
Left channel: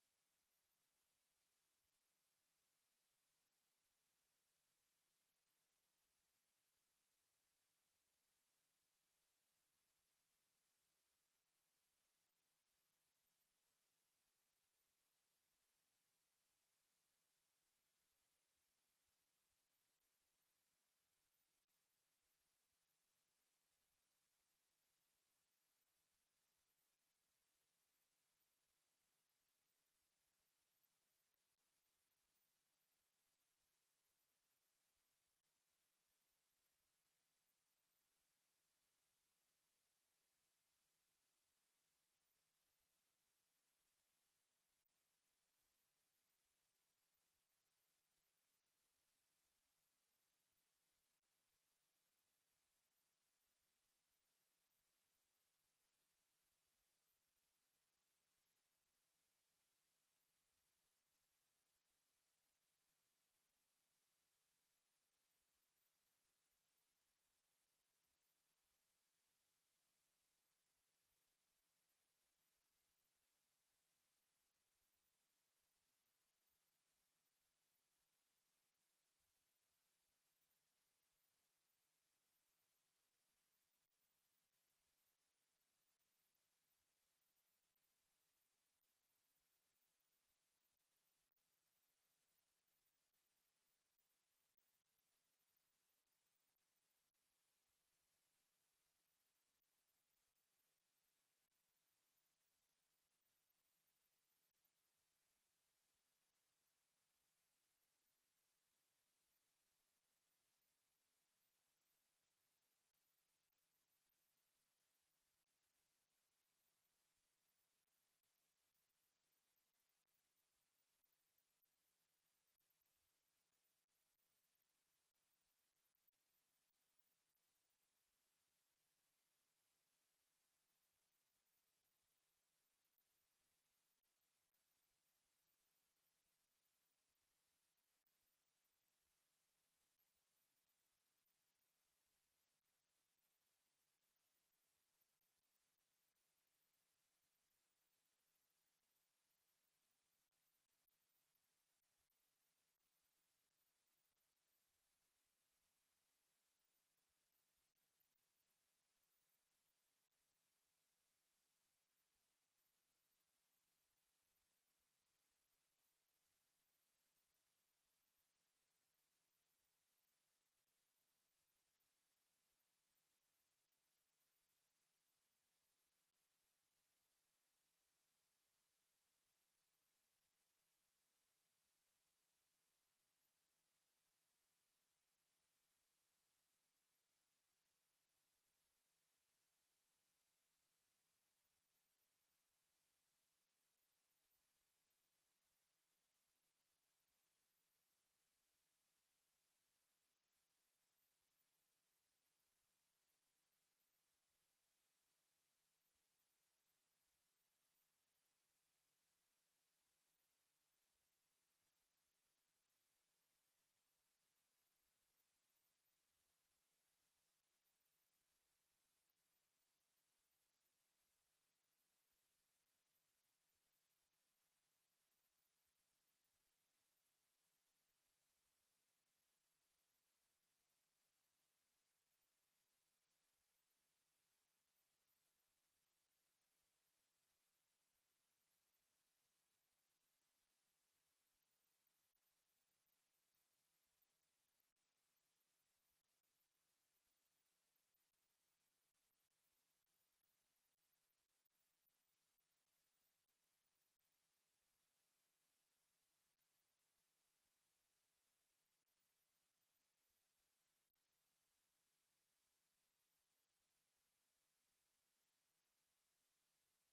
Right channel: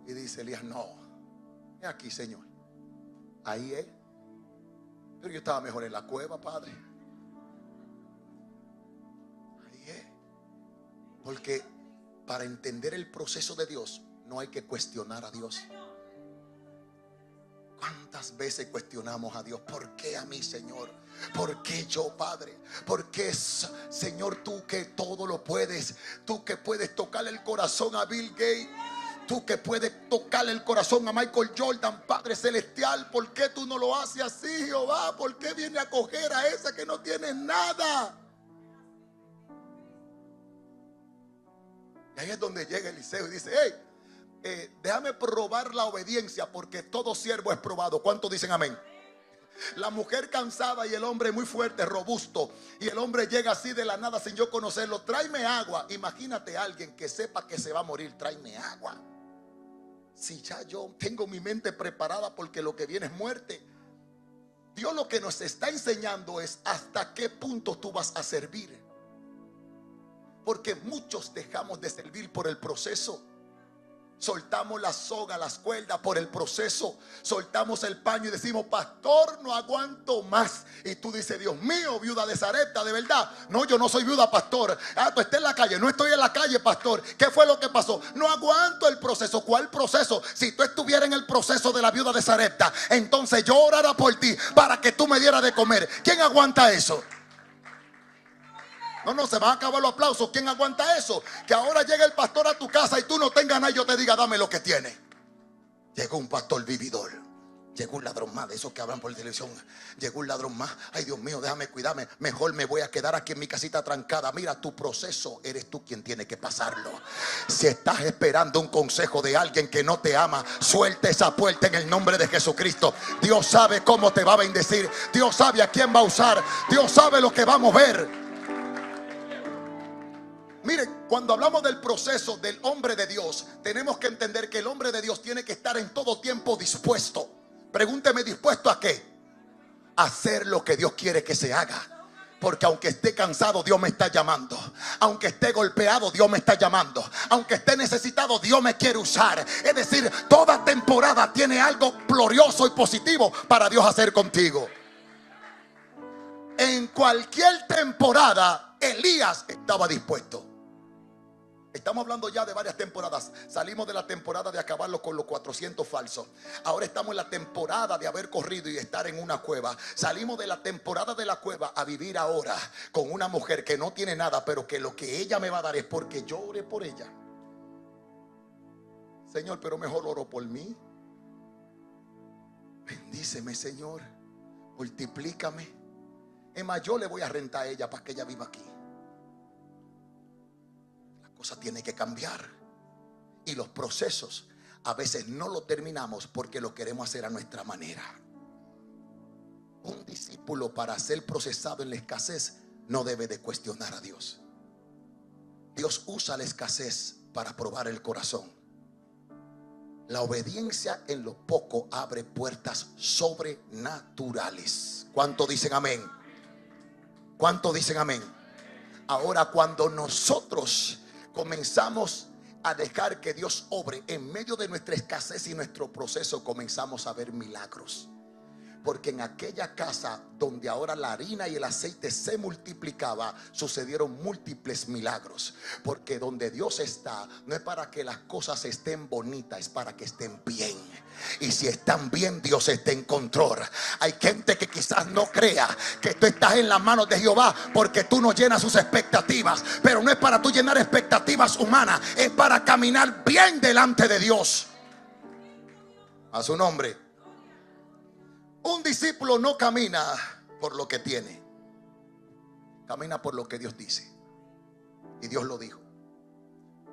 Y dice Elías: no, es aquí, Señor. Ahí es. Pero yo estaba mejor en la cueva, Padre. Ahí es. Porque para entender el proceso de Dios no hay que cuestionar a Dios. ¿Cuántas veces cuestionamos a Dios? ¿Por qué a mí, Señor? ¿Por qué yo, Padre? ¿Por qué, Señor, tú que todo lo puedes? Tú que puedes tocar el corazón a Bill Gates, tú que puedes tocar el corazón a Michael Jordan, Padre celestial, ¿por qué tú no lo haces así, Jehová? ¿Por qué viene a coger a esa que no tiene nada? Y ahí es donde llega Eliseo y dice: hey, déjame probar la obediencia, porque todo siervo es probado. ¿Cuántos dicen amén? La mujer cansada y el hombre muy fuerte, robusto. Y el hombre llega así de la nada sin yo conocerlo: tráeme agua. Imagínate a alguien que sepa que se va a morir: tráeme agua. Si ya yo tengo mi mente preparada porque lo que viene es muerte. Dios lo que nos está enseñando es hasta qué punto tú vas a servir. Porque muchos dejamos de servir por el proceso. Soltamos la soga, las cuerdas por el proceso. Soltamos el paño y decimos: pastor, no aguanto más. Y tú dices: Dios mío, viuda de Sarepta, de verdad. No, yo no soy viuda, pastor. Tú estás en la calle. No estoy en la calle, pastor. ¿Qué fue lo que pasó? No aguanto el proceso. ¿Cuál proceso? Si tú estuvieras en el proceso de la viuda de Sarepta, entonces yo orara por ti para que tú me dieras de comer. ¿Quién aguanta eso? No, se van a acabar los aplausos. ¿Quién aguanta eso? Que ahora llegue el pastor a tu casa y tú no tengas nada y yo te diga: dame lo que tiene. Llegó un pastor vividor. Llegó un ladrón más, de esos que hablan por televisión. Llegó un ladrón más. Ay, Dios mío, déjame cuidarme. Mejor me voy a quedar aquí en mi casita trancada. Mira, tu proceso eres tú quien tiene que pasarlo. Si estás esperando un consejo de alguien que no te ama, suelta esa puerta en el nombre de Jesucristo. Dios sabe cómo te va a bendecir. Dios sabe a quién va a usar. Dios sabe lo que va a mover. Miren, cuando hablamos del proceso del hombre de Dios, tenemos que entender que el hombre de Dios tiene que estar en todo tiempo dispuesto. Pregúnteme: ¿dispuesto a qué? A hacer lo que Dios quiere que se haga. Porque aunque esté cansado, Dios me está llamando. Aunque esté golpeado, Dios me está llamando. Aunque esté necesitado, Dios me quiere usar. Es decir, toda temporada tiene algo glorioso y positivo para Dios hacer contigo. En cualquier temporada, Elías estaba dispuesto. Estamos hablando ya de varias temporadas. Salimos de la temporada de acabarlo con los 400 falsos. Ahora estamos en la temporada de haber corrido y estar en una cueva. Salimos de la temporada de la cueva a vivir ahora con una mujer que no tiene nada, pero que lo que ella me va a dar es porque yo oré por ella. Señor, pero mejor oro por mí. Bendíceme, Señor. Multiplícame. Es más, yo le voy a rentar a ella para que ella viva aquí. Cosa tiene que cambiar. Y los procesos a veces no lo terminamos porque lo queremos hacer a nuestra manera. Un discípulo, para ser procesado en la escasez, no debe de cuestionar a Dios. Dios usa la escasez para probar el corazón. La obediencia en lo poco abre puertas sobrenaturales. ¿Cuánto dicen amén? ¿Cuánto dicen amén? Ahora, cuando nosotros comenzamos a dejar que Dios obre en medio de nuestra escasez y nuestro proceso, comenzamos a ver milagros. Porque en aquella casa donde ahora la harina y el aceite se multiplicaba, sucedieron múltiples milagros. Porque donde Dios está, no es para que las cosas estén bonitas, es para que estén bien. Y si están bien, Dios está en control. Hay gente que quizás no crea que tú estás en las manos de Jehová, porque tú no llenas sus expectativas. Pero no es para tú llenar expectativas humanas, es para caminar bien delante de Dios. A su nombre. Un discípulo no camina por lo que tiene, camina por lo que Dios dice. Y Dios lo dijo.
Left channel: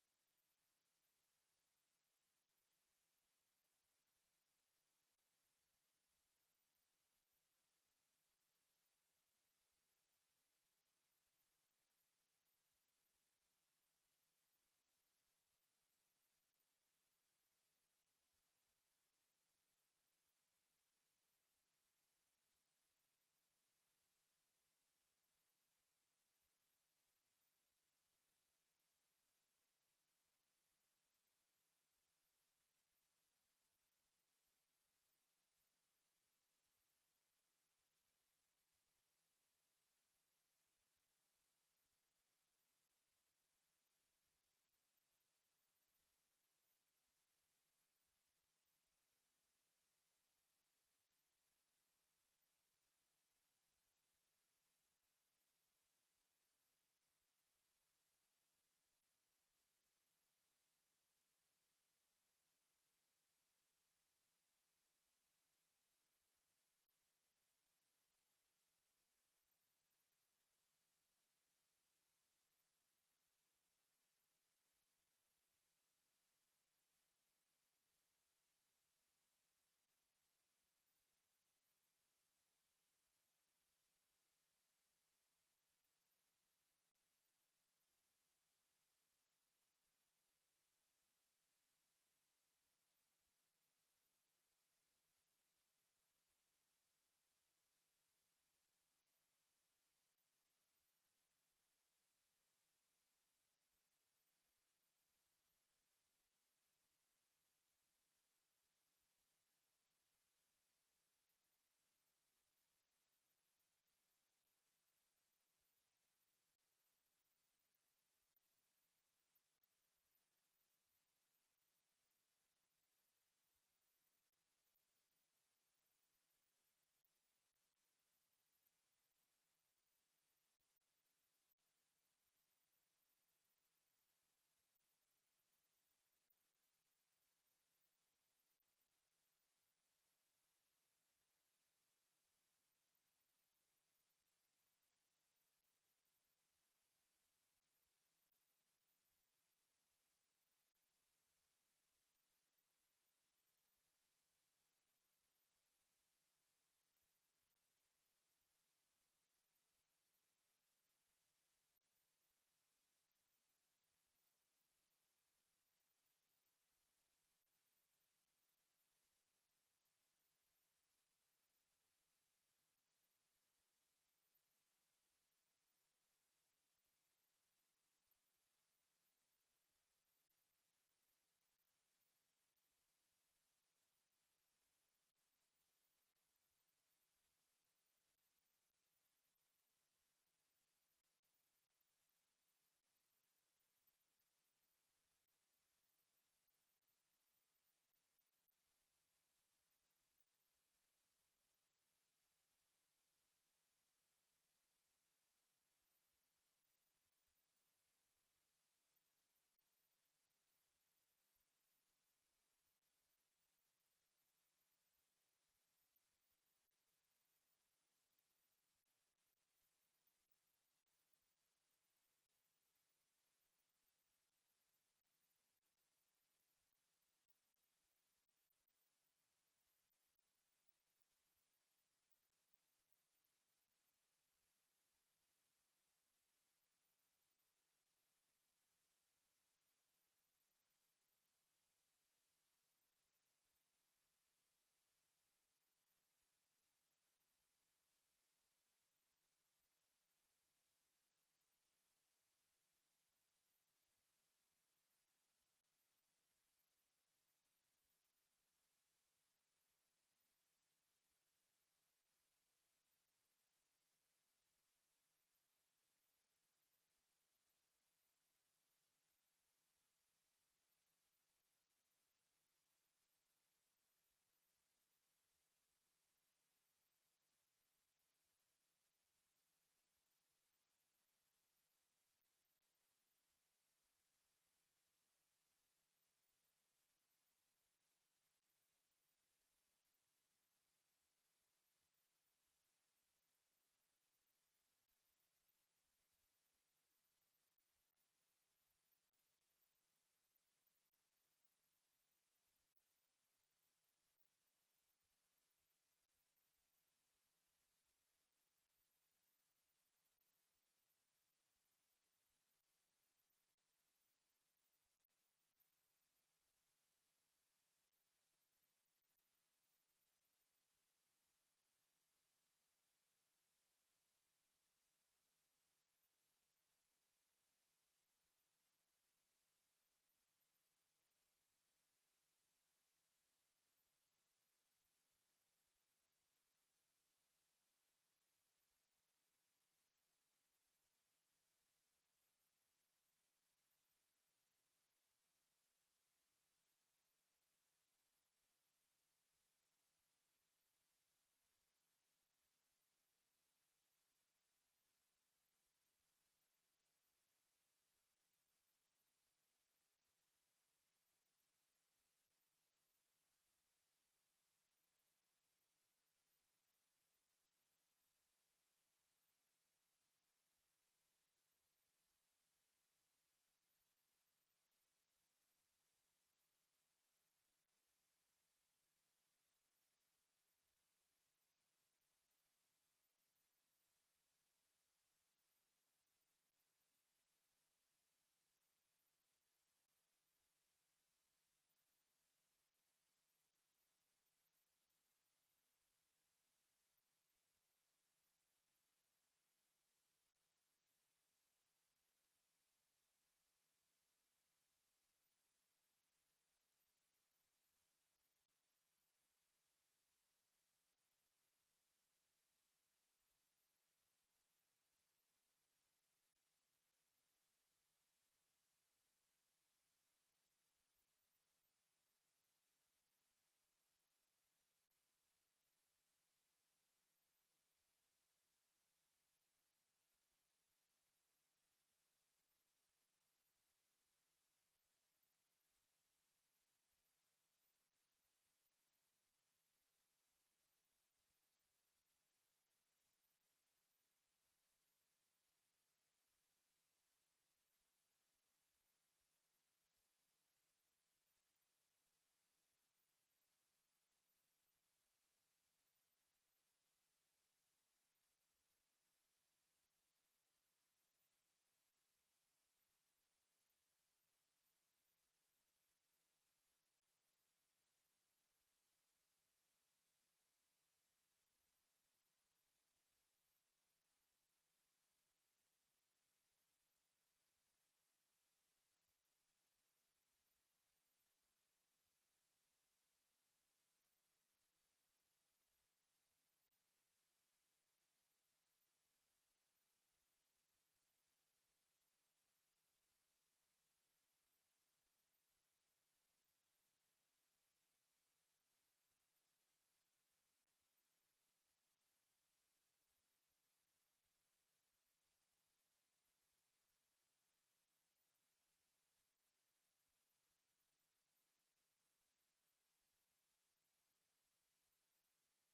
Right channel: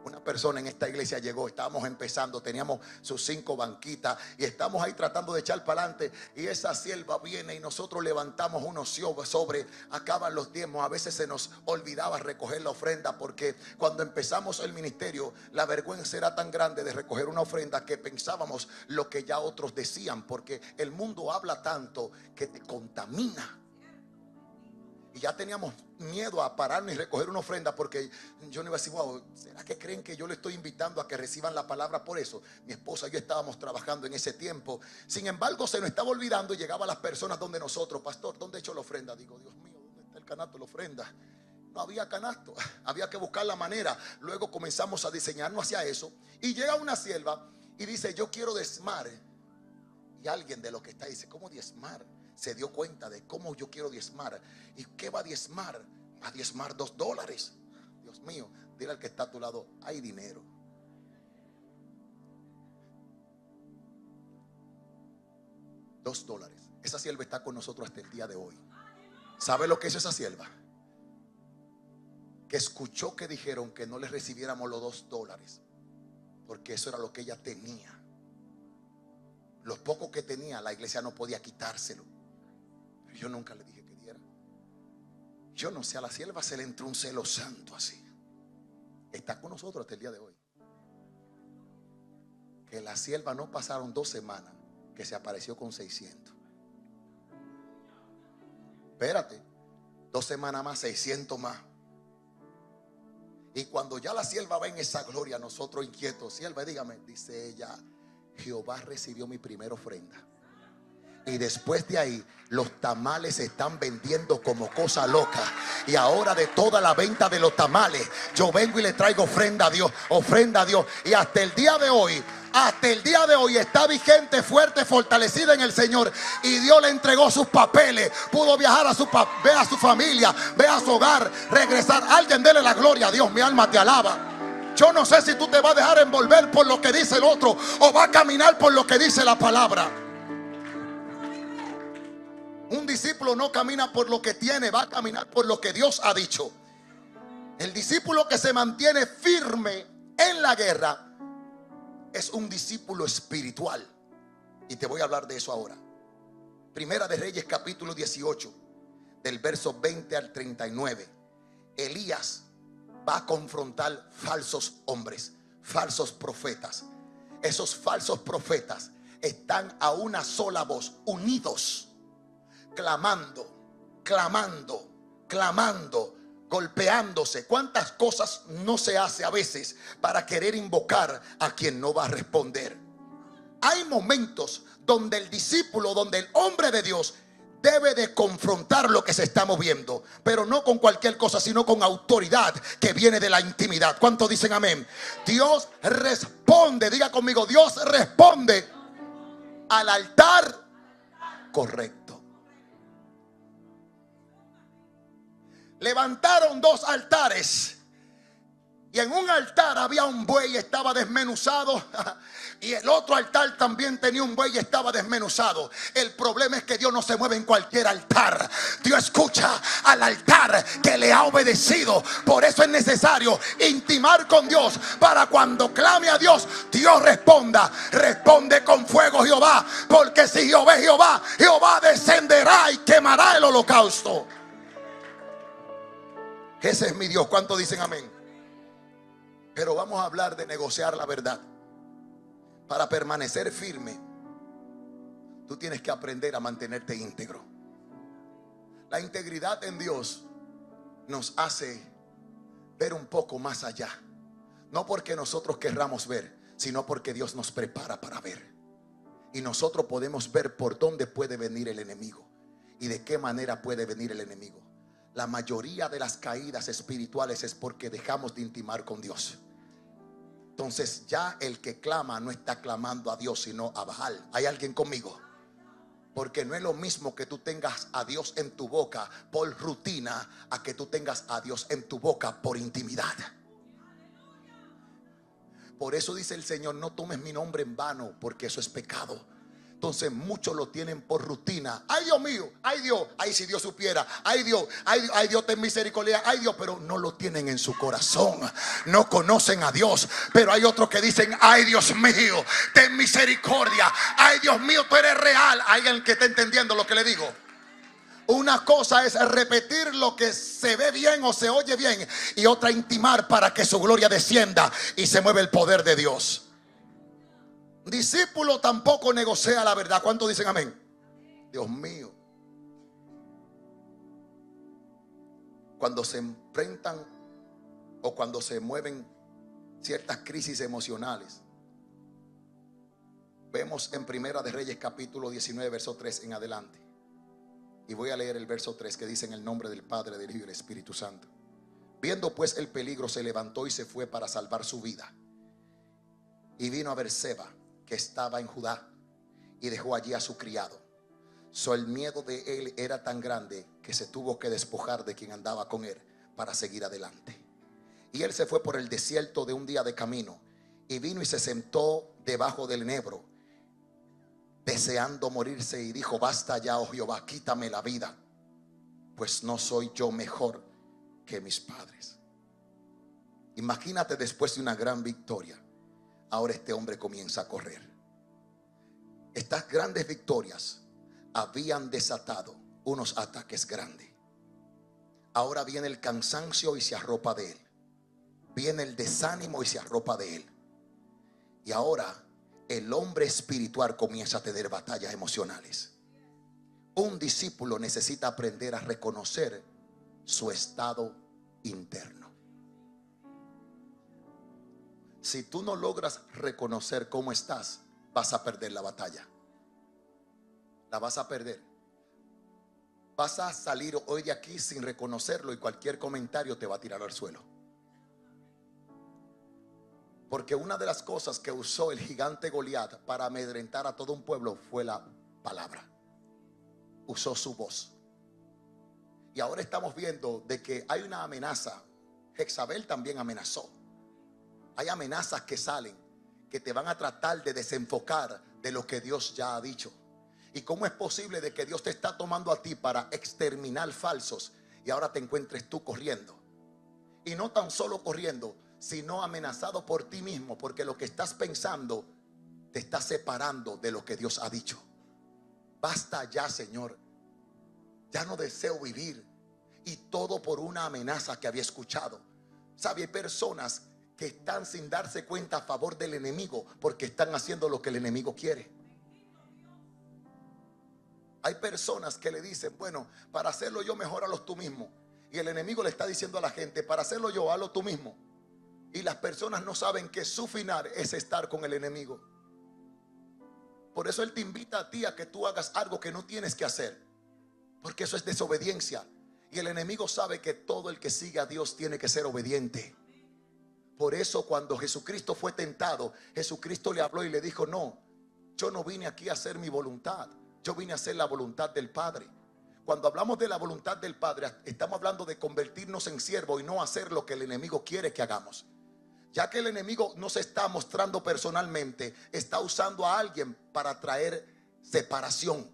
Una persona en esta iglesia llegó, estábamos empezando, teníamos sus 5 banquitas y estamos ahí tratando de echar para adelante. Y esa sierva viene y nosotros levantamos unos sobre, acaban los diezmos. A veces se nos olvidaba recoger la ofrenda, porque cuando empezamos el ministerio, la vergüenza era tan grande de recoger una ofrenda que pensábamos lo que ya otros decían, porque el mundo habla tanto que te contamina. Y ya teníamos miedo a pararnos y recoger una ofrenda, porque yo no iba a decir, wow, ¿será que creen que yo le estoy invitando a que reciban la palabra por eso? Mi esposa y yo estábamos trabajando en ese tiempo. Sin embargo, se nos estaba olvidando y llegaban las personas donde nosotros: pastor, ¿dónde he hecho la ofrenda? Digo, Dios mío, ¿dónde está el canasto de la ofrenda? No había canasto, había que buscar la manera. Luego comenzamos a diseñarnos hacia eso. Y llega una sierva y dice, yo quiero diezmar. Y alguien de lo que está dice, ¿cómo diezmar? Se dio cuenta de cómo yo quiero diezmar. ¿Y qué va a diezmar? Va a diezmar $2. Dios mío, dile al que está a tu lado, hay dinero. $2. Esa sierva está con nosotros hasta el día de hoy. ¿Sabe lo que hizo esa sierva? Que escuchó que dijeron que no le recibiéramos los $2, porque eso era lo que ella tenía. Lo poco que tenía, la iglesia no podía quitárselo. Pero yo nunca le dije que diera. Yo no sé, a la sierva se le entró un celo santo así. Está con nosotros hasta el día de hoy. Que la sierva no pasaron 2 semanas que se apareció con 600. Espérate, 2 semanas más, 600 más. Y cuando ya la sierva va en esa gloria, nosotros inquietos, sierva, dígame, dice ella, Jehová recibió mi primera ofrenda. Y después de ahí, los tamales se están vendiendo como cosa loca. Y ahora, de toda la venta de los tamales, yo vengo y le traigo ofrenda a Dios, ofrenda a Dios. Y hasta el día de hoy está vigente, fuerte, fortalecida en el Señor. Y Dios le entregó sus papeles. Pudo viajar ve a su familia, ve a su hogar, regresar. Alguien dele la gloria a Dios. Mi alma te alaba. Yo no sé si tú te vas a dejar envolver por lo que dice el otro, o va a caminar por lo que dice la palabra. Un discípulo no camina por lo que tiene, va a caminar por lo que Dios ha dicho. El discípulo que se mantiene firme en la guerra es un discípulo espiritual. Y te voy a hablar de eso ahora. Primera de Reyes, capítulo 18, del verso 20 al 39. Elías va a confrontar falsos hombres, falsos profetas. Esos falsos profetas están a una sola voz, unidos, clamando, clamando, clamando, golpeándose. ¿Cuántas cosas no se hace a veces para querer invocar a quien no va a responder? Hay momentos donde el discípulo, donde el hombre de Dios debe de confrontar lo que se está moviendo, pero no con cualquier cosa, sino con autoridad que viene de la intimidad. ¿Cuántos dicen amén? Dios responde, diga conmigo, Dios responde al altar correcto. Levantaron 2 altares. Y en un altar había un buey y estaba desmenuzado. Y el otro altar también tenía un buey y estaba desmenuzado. El problema es que Dios no se mueve en cualquier altar. Dios escucha al altar que le ha obedecido. Por eso es necesario intimar con Dios, para cuando clame a Dios, Dios responda. Responde con fuego, Jehová. Porque si Jehová es Jehová, Jehová descenderá y quemará el holocausto. Ese es mi Dios. ¿Cuántos dicen amén? Pero vamos a hablar de negociar la verdad. Para permanecer firme, tú tienes que aprender a mantenerte íntegro. La integridad en Dios nos hace ver un poco más allá. No porque nosotros querramos ver, sino porque Dios nos prepara para ver. Y nosotros podemos ver por dónde puede venir el enemigo y de qué manera puede venir el enemigo. La mayoría de las caídas espirituales es porque dejamos de intimar con Dios. Entonces ya el que clama no está clamando a Dios, sino a Baal. ¿Hay alguien conmigo? Porque no es lo mismo que tú tengas a Dios en tu boca por rutina a que tú tengas a Dios en tu boca por intimidad. Por eso dice el Señor: no tomes mi nombre en vano, porque eso es pecado. Entonces muchos lo tienen por rutina. Ay, Dios mío, ay Dios, ay, si Dios supiera, ay Dios, ay Dios, ten misericordia, ay Dios, pero no lo tienen en su corazón. No conocen a Dios. Pero hay otros que dicen: ay Dios mío, ten misericordia, ay Dios mío, tú eres real. Hay alguien que está entendiendo lo que le digo. Una cosa es repetir lo que se ve bien o se oye bien, y otra intimar para que su gloria descienda y se mueva el poder de Dios. Discípulo tampoco negocia la verdad. ¿Cuántos dicen amén? Dios mío. Cuando se enfrentan o cuando se mueven ciertas crisis emocionales, vemos en Primera de Reyes capítulo 19 verso 3 en adelante. Y voy a leer el verso 3 que dice: en el nombre del Padre, del Hijo y del Espíritu Santo. Viendo pues el peligro, se levantó y se fue para salvar su vida. Y vino a Berseba, que estaba en Judá, y dejó allí a su criado. El miedo de él era tan grande que se tuvo que despojar de quien andaba con él para seguir adelante. Y él se fue por el desierto de un día de camino, y vino y se sentó debajo del enebro, deseando morirse, y dijo: basta ya, oh Jehová, quítame la vida, pues no soy yo mejor que mis padres. Imagínate, después de una gran victoria, ahora este hombre comienza a correr. Estas grandes victorias habían desatado unos ataques grandes. Ahora viene el cansancio y se arropa de él. Viene el desánimo y se arropa de él. Y ahora el hombre espiritual comienza a tener batallas emocionales. Un discípulo necesita aprender a reconocer su estado interno. Si tú no logras reconocer cómo estás, vas a perder la batalla. La vas a perder. Vas a salir hoy de aquí sin reconocerlo, y cualquier comentario te va a tirar al suelo. Porque una de las cosas que usó el gigante Goliat para amedrentar a todo un pueblo fue la palabra. Usó su voz. Y ahora estamos viendo de que hay una amenaza. Jezabel también amenazó. Hay amenazas que salen, que te van a tratar de desenfocar de lo que Dios ya ha dicho. ¿Y cómo es posible de que Dios te está tomando a ti para exterminar falsos, y ahora te encuentres tú corriendo? Y no tan solo corriendo, sino amenazado por ti mismo, porque lo que estás pensando te está separando de lo que Dios ha dicho. Basta ya, Señor. Ya no deseo vivir. Y todo por una amenaza que había escuchado. ¿Sabe? Hay personas que están sin darse cuenta a favor del enemigo, porque están haciendo lo que el enemigo quiere. Hay personas que le dicen: bueno, para hacerlo yo, mejor hazlo tú mismo. Y el enemigo le está diciendo a la gente: para hacerlo yo, hazlo tú mismo. Y las personas no saben que su final es estar con el enemigo. Por eso él te invita a ti a que tú hagas algo que no tienes que hacer, porque eso es desobediencia. Y el enemigo sabe que todo el que sigue a Dios tiene que ser obediente. Por eso cuando Jesucristo fue tentado, Jesucristo le habló y le dijo: no, yo no vine aquí a hacer mi voluntad, yo vine a hacer la voluntad del Padre. Cuando hablamos de la voluntad del Padre, estamos hablando de convertirnos en siervos y no hacer lo que el enemigo quiere que hagamos. Ya que el enemigo no se está mostrando personalmente, está usando a alguien para traer separación.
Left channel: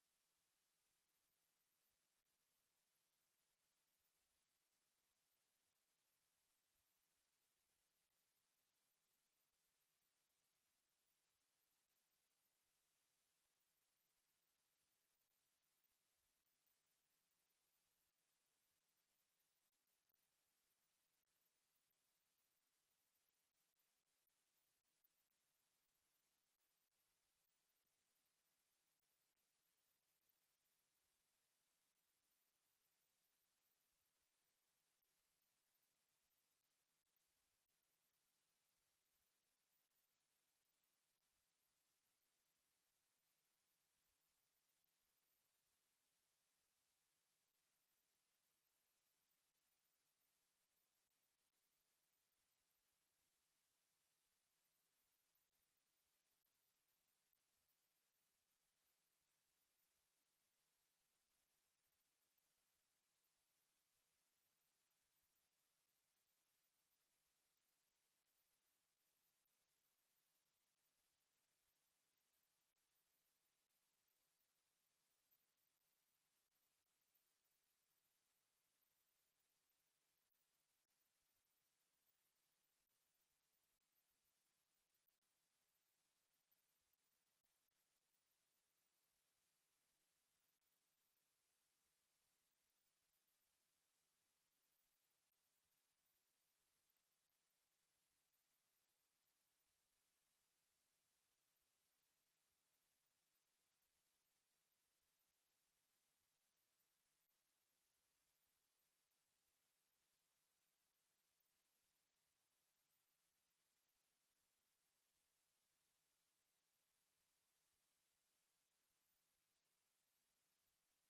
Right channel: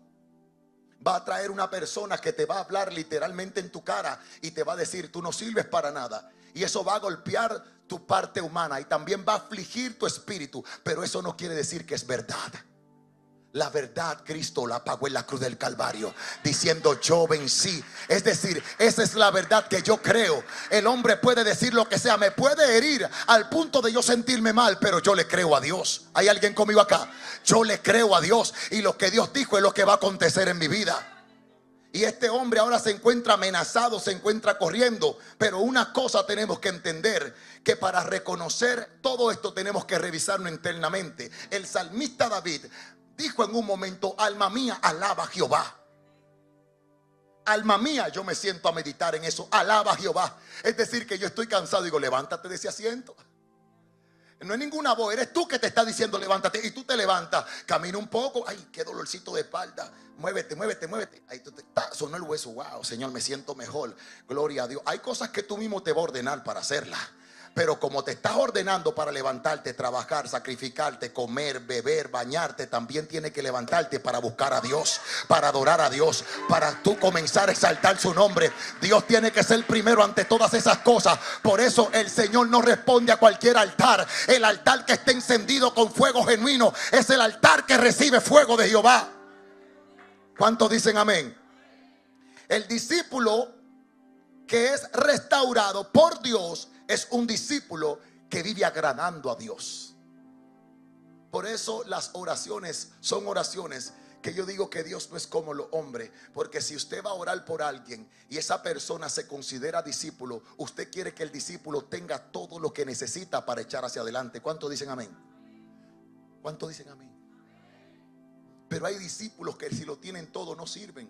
Va a traer una persona que te va a hablar literalmente en tu cara y te va a decir: tú no sirves para nada. Y eso va a golpear tu parte humana y también va a afligir tu espíritu. Pero eso no quiere decir que es verdad. La verdad Cristo la pagó en la cruz del Calvario, diciendo: yo vencí. Es decir, esa es la verdad que yo creo. El hombre puede decir lo que sea, me puede herir al punto de yo sentirme mal, pero yo le creo a Dios. ¿Hay alguien conmigo acá? Yo le creo a Dios, y lo que Dios dijo es lo que va a acontecer en mi vida. Y este hombre ahora se encuentra amenazado, se encuentra corriendo. Pero una cosa tenemos que entender, que para reconocer todo esto tenemos que revisarlo internamente. El salmista David dijo en un momento: alma mía, alaba a Jehová. Alma mía, yo me siento a meditar en eso. Alaba a Jehová. Es decir, que yo estoy cansado, digo: levántate de ese asiento. No es ninguna voz, eres tú que te está diciendo levántate, y tú te levantas, camina un poco, ay, qué dolorcito de espalda, muévete, muévete, muévete. Ahí tú sonó el hueso, wow, Señor, me siento mejor, gloria a Dios. Hay cosas que tú mismo te vas a ordenar para hacerlas. Pero como te estás ordenando para levantarte, trabajar, sacrificarte, comer, beber, bañarte, también tienes que levantarte para buscar a Dios, para adorar a Dios, para tú comenzar a exaltar su nombre. Dios tiene que ser primero ante todas esas cosas. Por eso el Señor no responde a cualquier altar. El altar que esté encendido con fuego genuino es el altar que recibe fuego de Jehová. ¿Cuántos dicen amén? El discípulo que es restaurado por Dios es un discípulo que vive agradando a Dios. Por eso las oraciones son oraciones que yo digo que Dios no es como los hombres. Porque si usted va a orar por alguien y esa persona se considera discípulo, usted quiere que el discípulo tenga todo lo que necesita para echar hacia adelante. ¿Cuántos dicen amén? ¿Cuántos dicen amén? Pero hay discípulos que si lo tienen todo no sirven.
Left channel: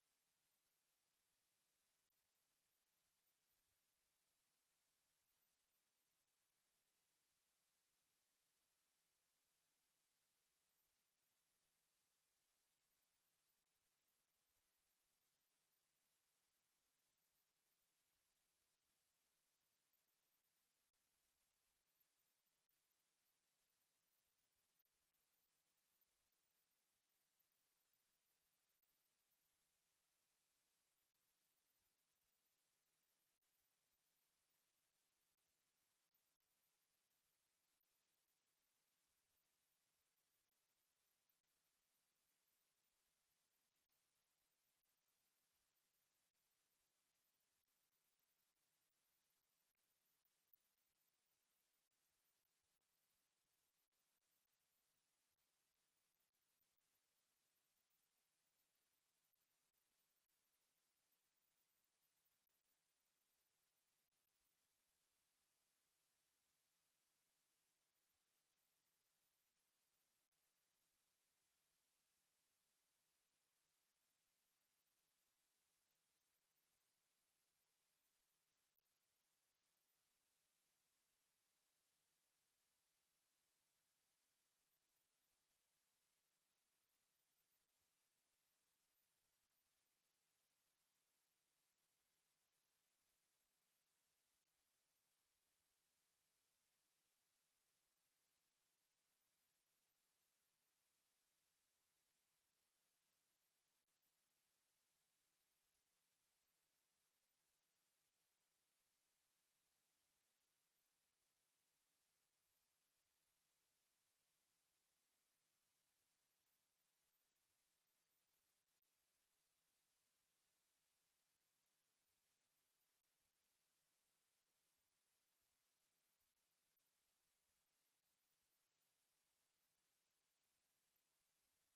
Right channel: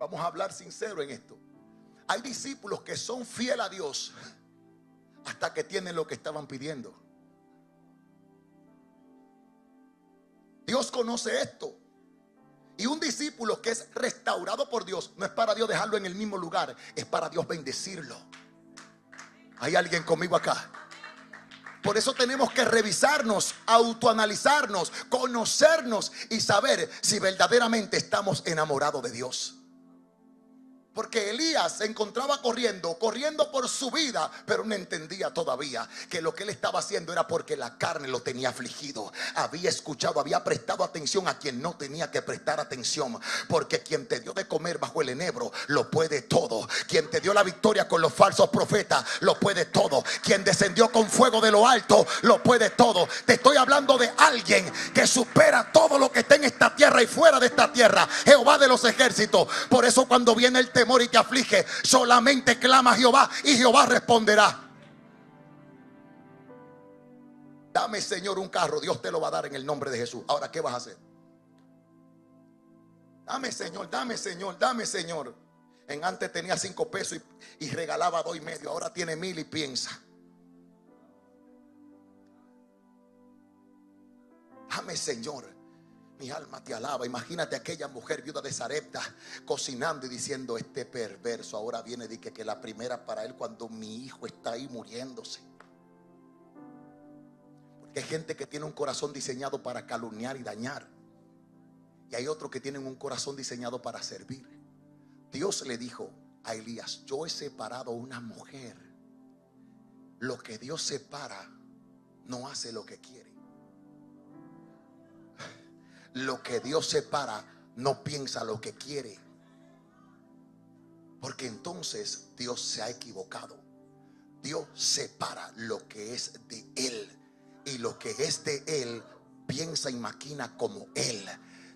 Vamos a hablar sincero en esto. Hay discípulos que son fieles a Dios hasta que tienen lo que estaban pidiendo. Dios conoce esto. Y un discípulo que es restaurado por Dios no es para Dios dejarlo en el mismo lugar, es para Dios bendecirlo. ¿Hay alguien conmigo acá? Por eso tenemos que revisarnos, autoanalizarnos, conocernos y saber si verdaderamente estamos enamorados de Dios. Porque Elías se encontraba corriendo por su vida, pero no entendía todavía que lo que él estaba haciendo era porque la carne lo tenía afligido. Había escuchado, había prestado atención a quien no tenía que prestar atención. Porque quien te dio de comer bajo el enebro lo puede todo. Quien te dio la victoria con los falsos profetas lo puede todo. Quien descendió con fuego de lo alto lo puede todo. Te estoy hablando de alguien que supera todo lo que está en esta tierra y fuera de esta tierra. Jehová de los ejércitos. Por eso cuando viene el temor y te aflige, solamente clama a Jehová y Jehová responderá. Dame, Señor, un carro. Dios te lo va a dar en el nombre de Jesús. Ahora, ¿qué vas a hacer? Dame, Señor, dame, Señor, dame, Señor. En antes tenía 5 pesos y regalaba 2,5. Ahora tiene 1,000 y piensa: dame, Señor. Mi alma te alaba. Imagínate aquella mujer viuda de Sarepta cocinando y diciendo: este perverso ahora viene y que la primera para él cuando mi hijo está ahí muriéndose. Porque hay gente que tiene un corazón diseñado para calumniar y dañar, y hay otros que tienen un corazón diseñado para servir. Dios le dijo a Elías: yo he separado a una mujer. Lo que Dios separa no hace lo que quiere. Lo que Dios separa no piensa lo que quiere. Porque entonces Dios se ha equivocado. Dios separa lo que es de Él, y lo que es de Él piensa y maquina como Él.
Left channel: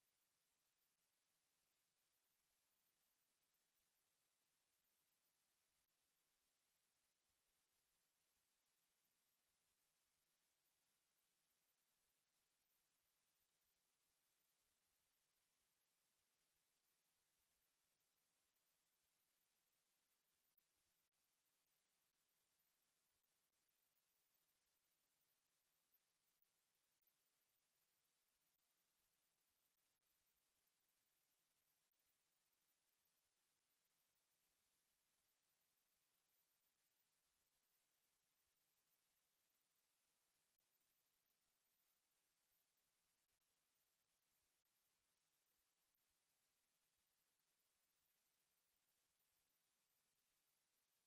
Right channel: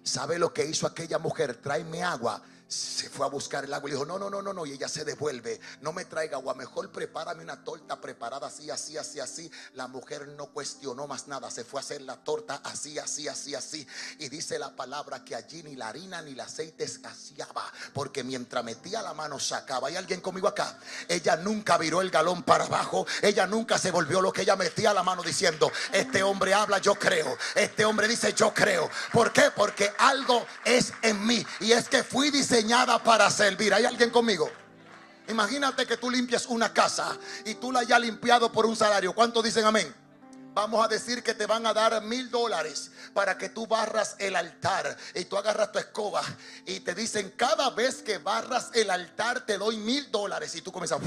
¿Sabe lo que hizo aquella mujer? Tráeme agua. Se fue a buscar el agua y le dijo: no, y ella se devuelve: no me traiga agua, mejor prepárame una torta preparada así, así, así, así. La mujer no cuestionó más nada, se fue a hacer la torta así, así, así, así. Y dice la palabra que allí ni la harina ni el aceite escaseaba, porque mientras metía la mano sacaba. ¿Hay alguien conmigo acá? Ella nunca viró el galón para abajo, ella nunca se volvió lo que ella metía la mano diciendo: este hombre habla, yo creo. Este hombre dice, yo creo. ¿Por qué? Porque algo es en mí, y es que fui diseñada para servir. ¿Hay alguien conmigo? Imagínate que tú limpias una casa y tú la hayas limpiado por un salario. ¿Cuántos dicen amén? Vamos a decir que te van a dar $1,000 para que tú barras el altar, y tú agarras tu escoba y te dicen: cada vez que barras el altar te doy $1,000. Y tú comienzas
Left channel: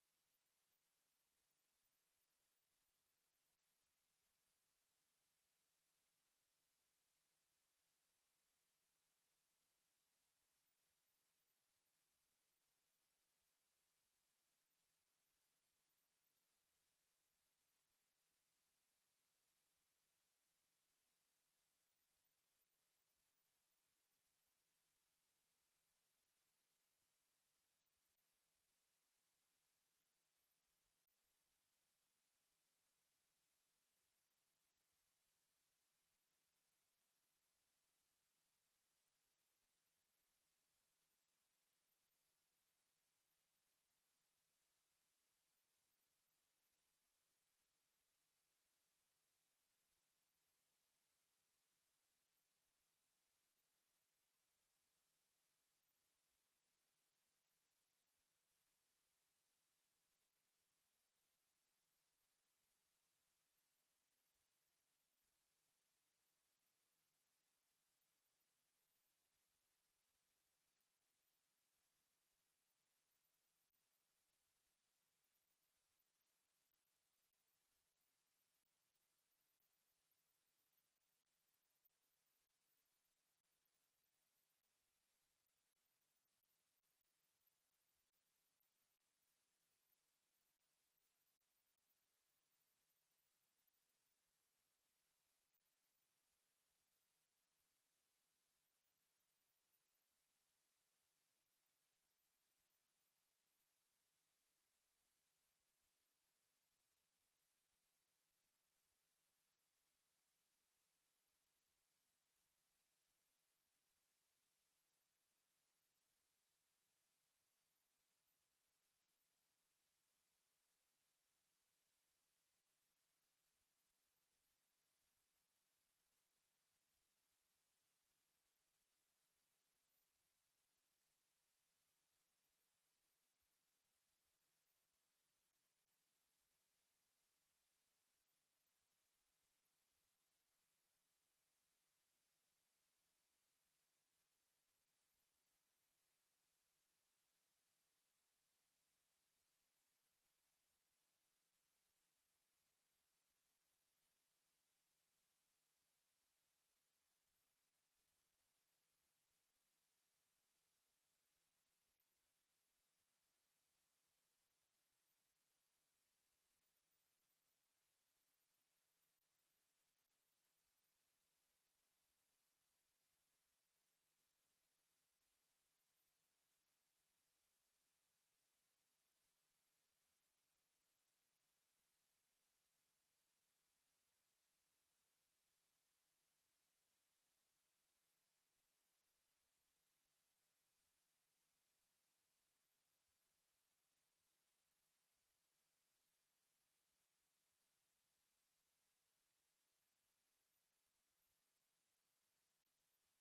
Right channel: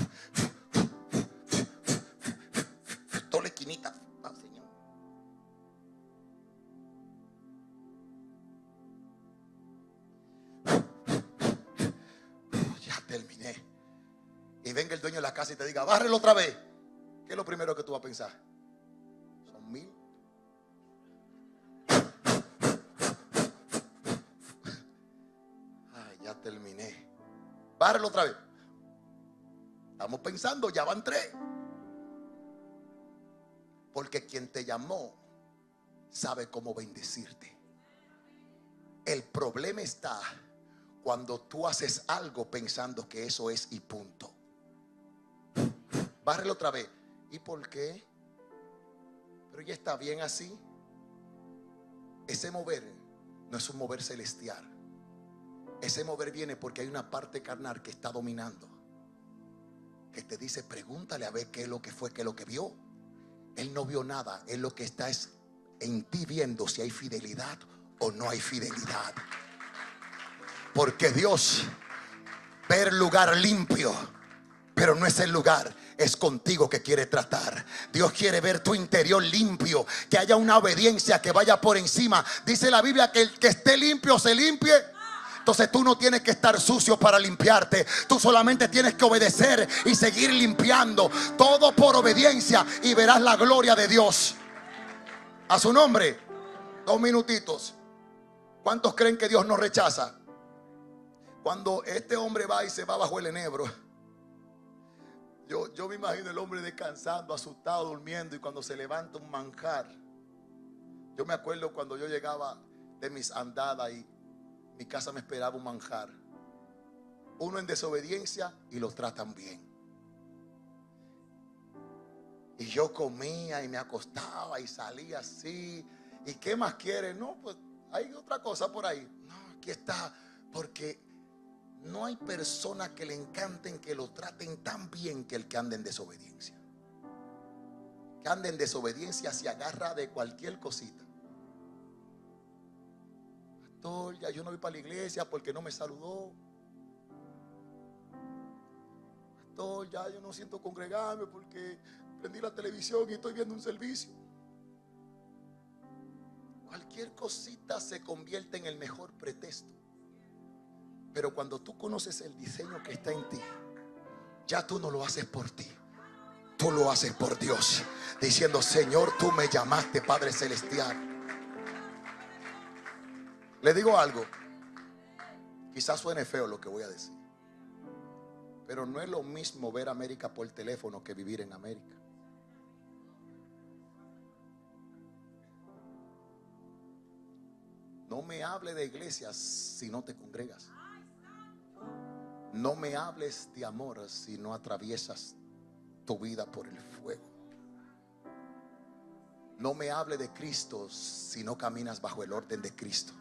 toda la esquinita. Terminé. Y venga el dueño de la casa y te diga: bárrelo otra vez. ¿Qué es lo primero que tú vas a pensar? Son 1,000. Bárrelo otra vez. Estamos pensando, ya van 3. Porque quien te llamó sabe cómo bendecirte. El problema está cuando tú haces algo pensando que eso es y punto. Bárrelo otra vez. ¿Y por qué? Pero ya está bien así. Ese mover no es un mover celestial. Ese mover viene porque hay una parte carnal que está dominando, que te dice, pregúntale a ver qué es lo que fue, qué es lo que vio. Él no vio nada. Él lo que está es en ti viendo si hay fidelidad o no hay fidelidad. Porque Dios ve el lugar limpio, pero no es el lugar. Es contigo que quiere tratar. Dios quiere ver tu interior limpio, que haya una obediencia que vaya por encima. Dice la Biblia que el que esté limpio se limpie. Entonces tú no tienes que estar sucio para limpiarte. Tú solamente tienes que obedecer y seguir limpiando. Todo por obediencia y verás la gloria de Dios. A su nombre. 2 minutitos. ¿Cuántos creen que Dios nos rechaza? Cuando este hombre va y se va bajo el enebro, yo me imagino el hombre descansando, asustado, durmiendo, y cuando se levanta un manjar. Yo me acuerdo cuando yo llegaba de mis andadas y mi casa me esperaba un manjar. Uno en desobediencia y lo tratan bien. Y yo comía y me acostaba y salía así. ¿Y qué más quiere? No, pues hay otra cosa por ahí. No, aquí está. Porque no hay persona que le encanten que lo traten tan bien que el que anda en desobediencia. Que anda en desobediencia se agarra de cualquier cosita. Pastor, ya yo no voy para la iglesia porque no me saludó. Pastor, ya yo no siento congregarme porque prendí la televisión y estoy viendo un servicio. Cualquier cosita se convierte en el mejor pretexto. Pero cuando tú conoces el diseño que está en ti, ya tú no lo haces por ti, tú lo haces por Dios, diciendo, Señor, tú me llamaste, Padre Celestial. Le digo algo, quizás suene feo lo que voy a decir, pero no es lo mismo ver América por teléfono que vivir en América. No me hable de iglesias si no te congregas. No me hables de amor si no atraviesas tu vida por el fuego. No me hable de Cristo si no caminas bajo el orden de Cristo.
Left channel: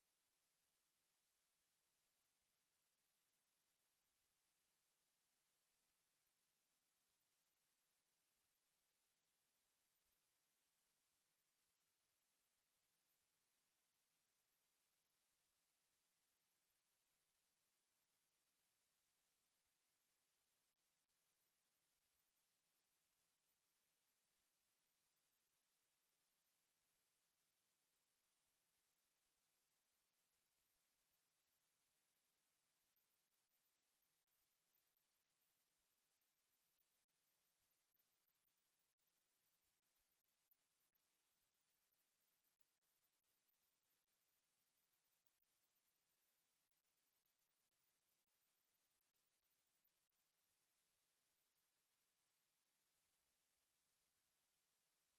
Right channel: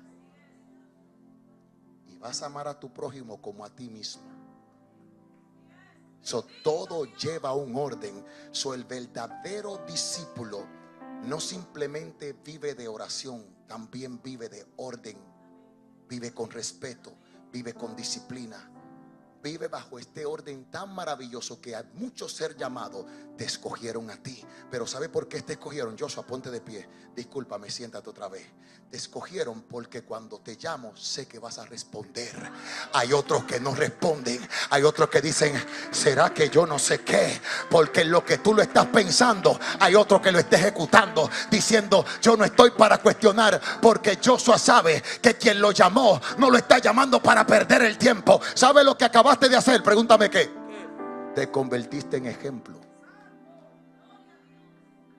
Y vas a amar a tu prójimo como a ti mismo. Todo lleva un orden. El verdadero discípulo no simplemente vive de oración, también vive de orden. Vive con respeto, vive con disciplina. Vive bajo este orden tan maravilloso que a muchos ser llamados te escogieron a ti. Pero ¿sabe por qué te escogieron? Joshua, ponte de pie. Discúlpame, siéntate otra vez. Te escogieron porque cuando te llamo sé que vas a responder. Hay otros que no responden. Hay otros que dicen, ¿será que yo no sé qué? Porque en lo que tú lo estás pensando, hay otro que lo está ejecutando, diciendo, yo no estoy para cuestionar, porque Joshua sabe que quien lo llamó no lo está llamando para perder el tiempo. ¿Sabe lo que acabaste de hacer? Pregúntame qué. Te convertiste en ejemplo.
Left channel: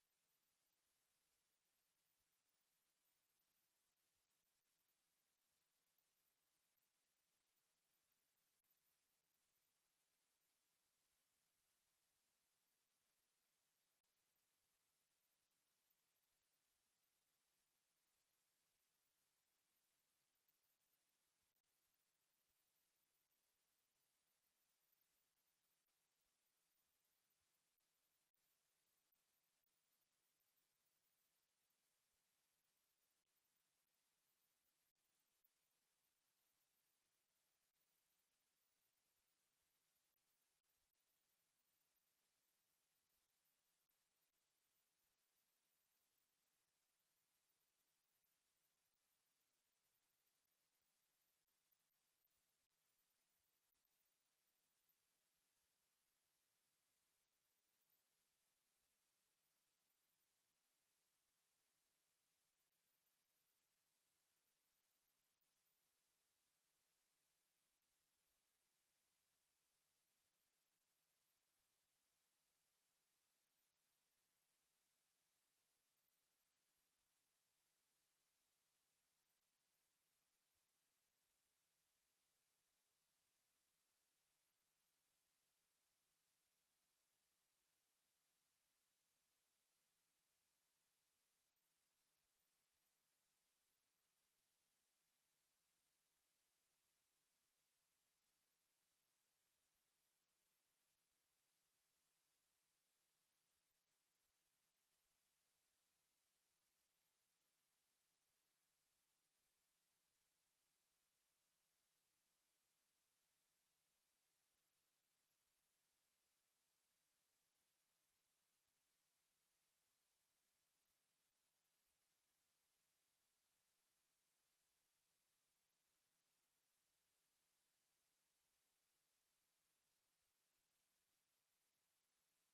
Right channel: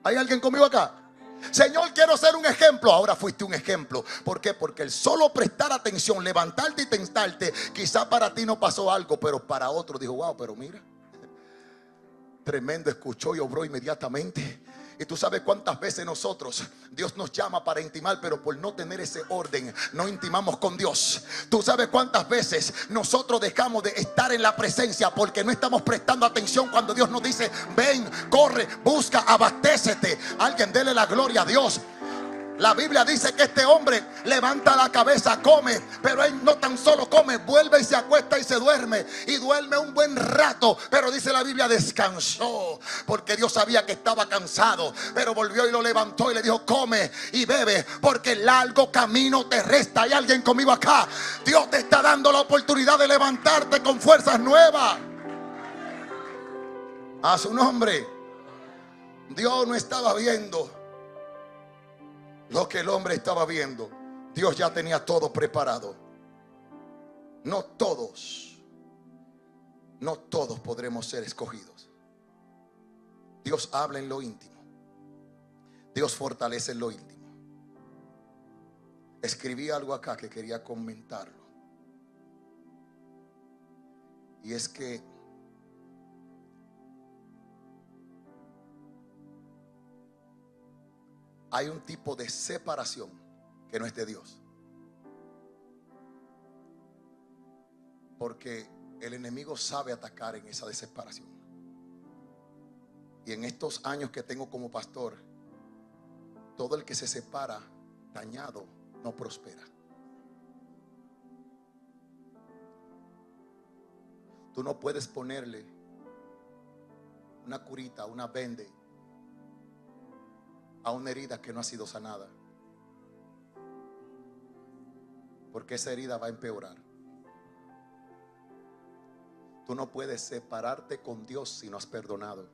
¿Hay alguien conmigo acá? Señor, quiero ser un ejemplo. Ahora fuiste un ejemplo. ¿Por qué? Porque el solo prestar atención, levantarte y tentarte, quizá para ti no pasó algo, pero para otro dijo, wow, pero mira, tremendo, escuchó y obró inmediatamente. Y tú sabes cuántas veces nosotros, Dios nos llama para intimar, pero por no tener ese orden, no intimamos con Dios. Tú sabes cuántas veces nosotros dejamos de estar en la presencia porque no estamos prestando atención cuando Dios nos dice, ven, corre, busca, abastécete. Alguien dele la gloria a Dios. La Biblia dice que este hombre levanta la cabeza, come, pero él no tan solo come, vuelve y se acuesta y se duerme. Y duerme un buen rato, pero dice la Biblia, descansó, porque Dios sabía que estaba cansado. Pero volvió y lo levantó y le dijo, come y bebe, porque el largo camino te resta. ¿Hay alguien conmigo acá? Dios te está dando la oportunidad de levantarte con fuerzas nuevas. A su nombre. Dios no estaba viendo lo que el hombre estaba viendo. Dios ya tenía todo preparado. No todos no todos podremos ser escogidos. Dios habla en lo íntimo. Dios fortalece en lo íntimo. Escribí algo acá que quería comentarlo. Y es que hay un tipo de separación que no es de Dios. Porque el enemigo sabe atacar en esa desesperación. Y en estos años que tengo como pastor, todo el que se separa dañado no prospera. Tú no puedes ponerle una curita, una vende a una herida que no ha sido sanada, porque esa herida va a empeorar. Tú no puedes separarte con Dios si no has perdonado.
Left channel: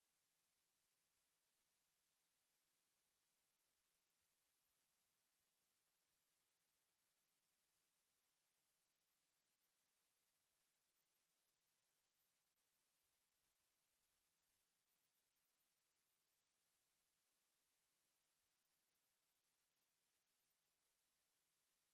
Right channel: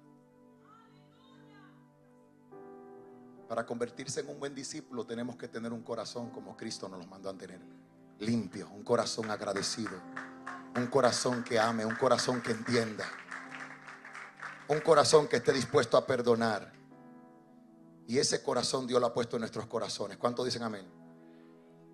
Para convertirse en un buen discípulo tenemos que tener un corazón como Cristo nos lo mandó a tener, limpio, un corazón agradecido, un corazón que ame, un corazón que entienda, un corazón que esté dispuesto a perdonar. Y ese corazón Dios lo ha puesto en nuestros corazones. ¿Cuántos dicen amén?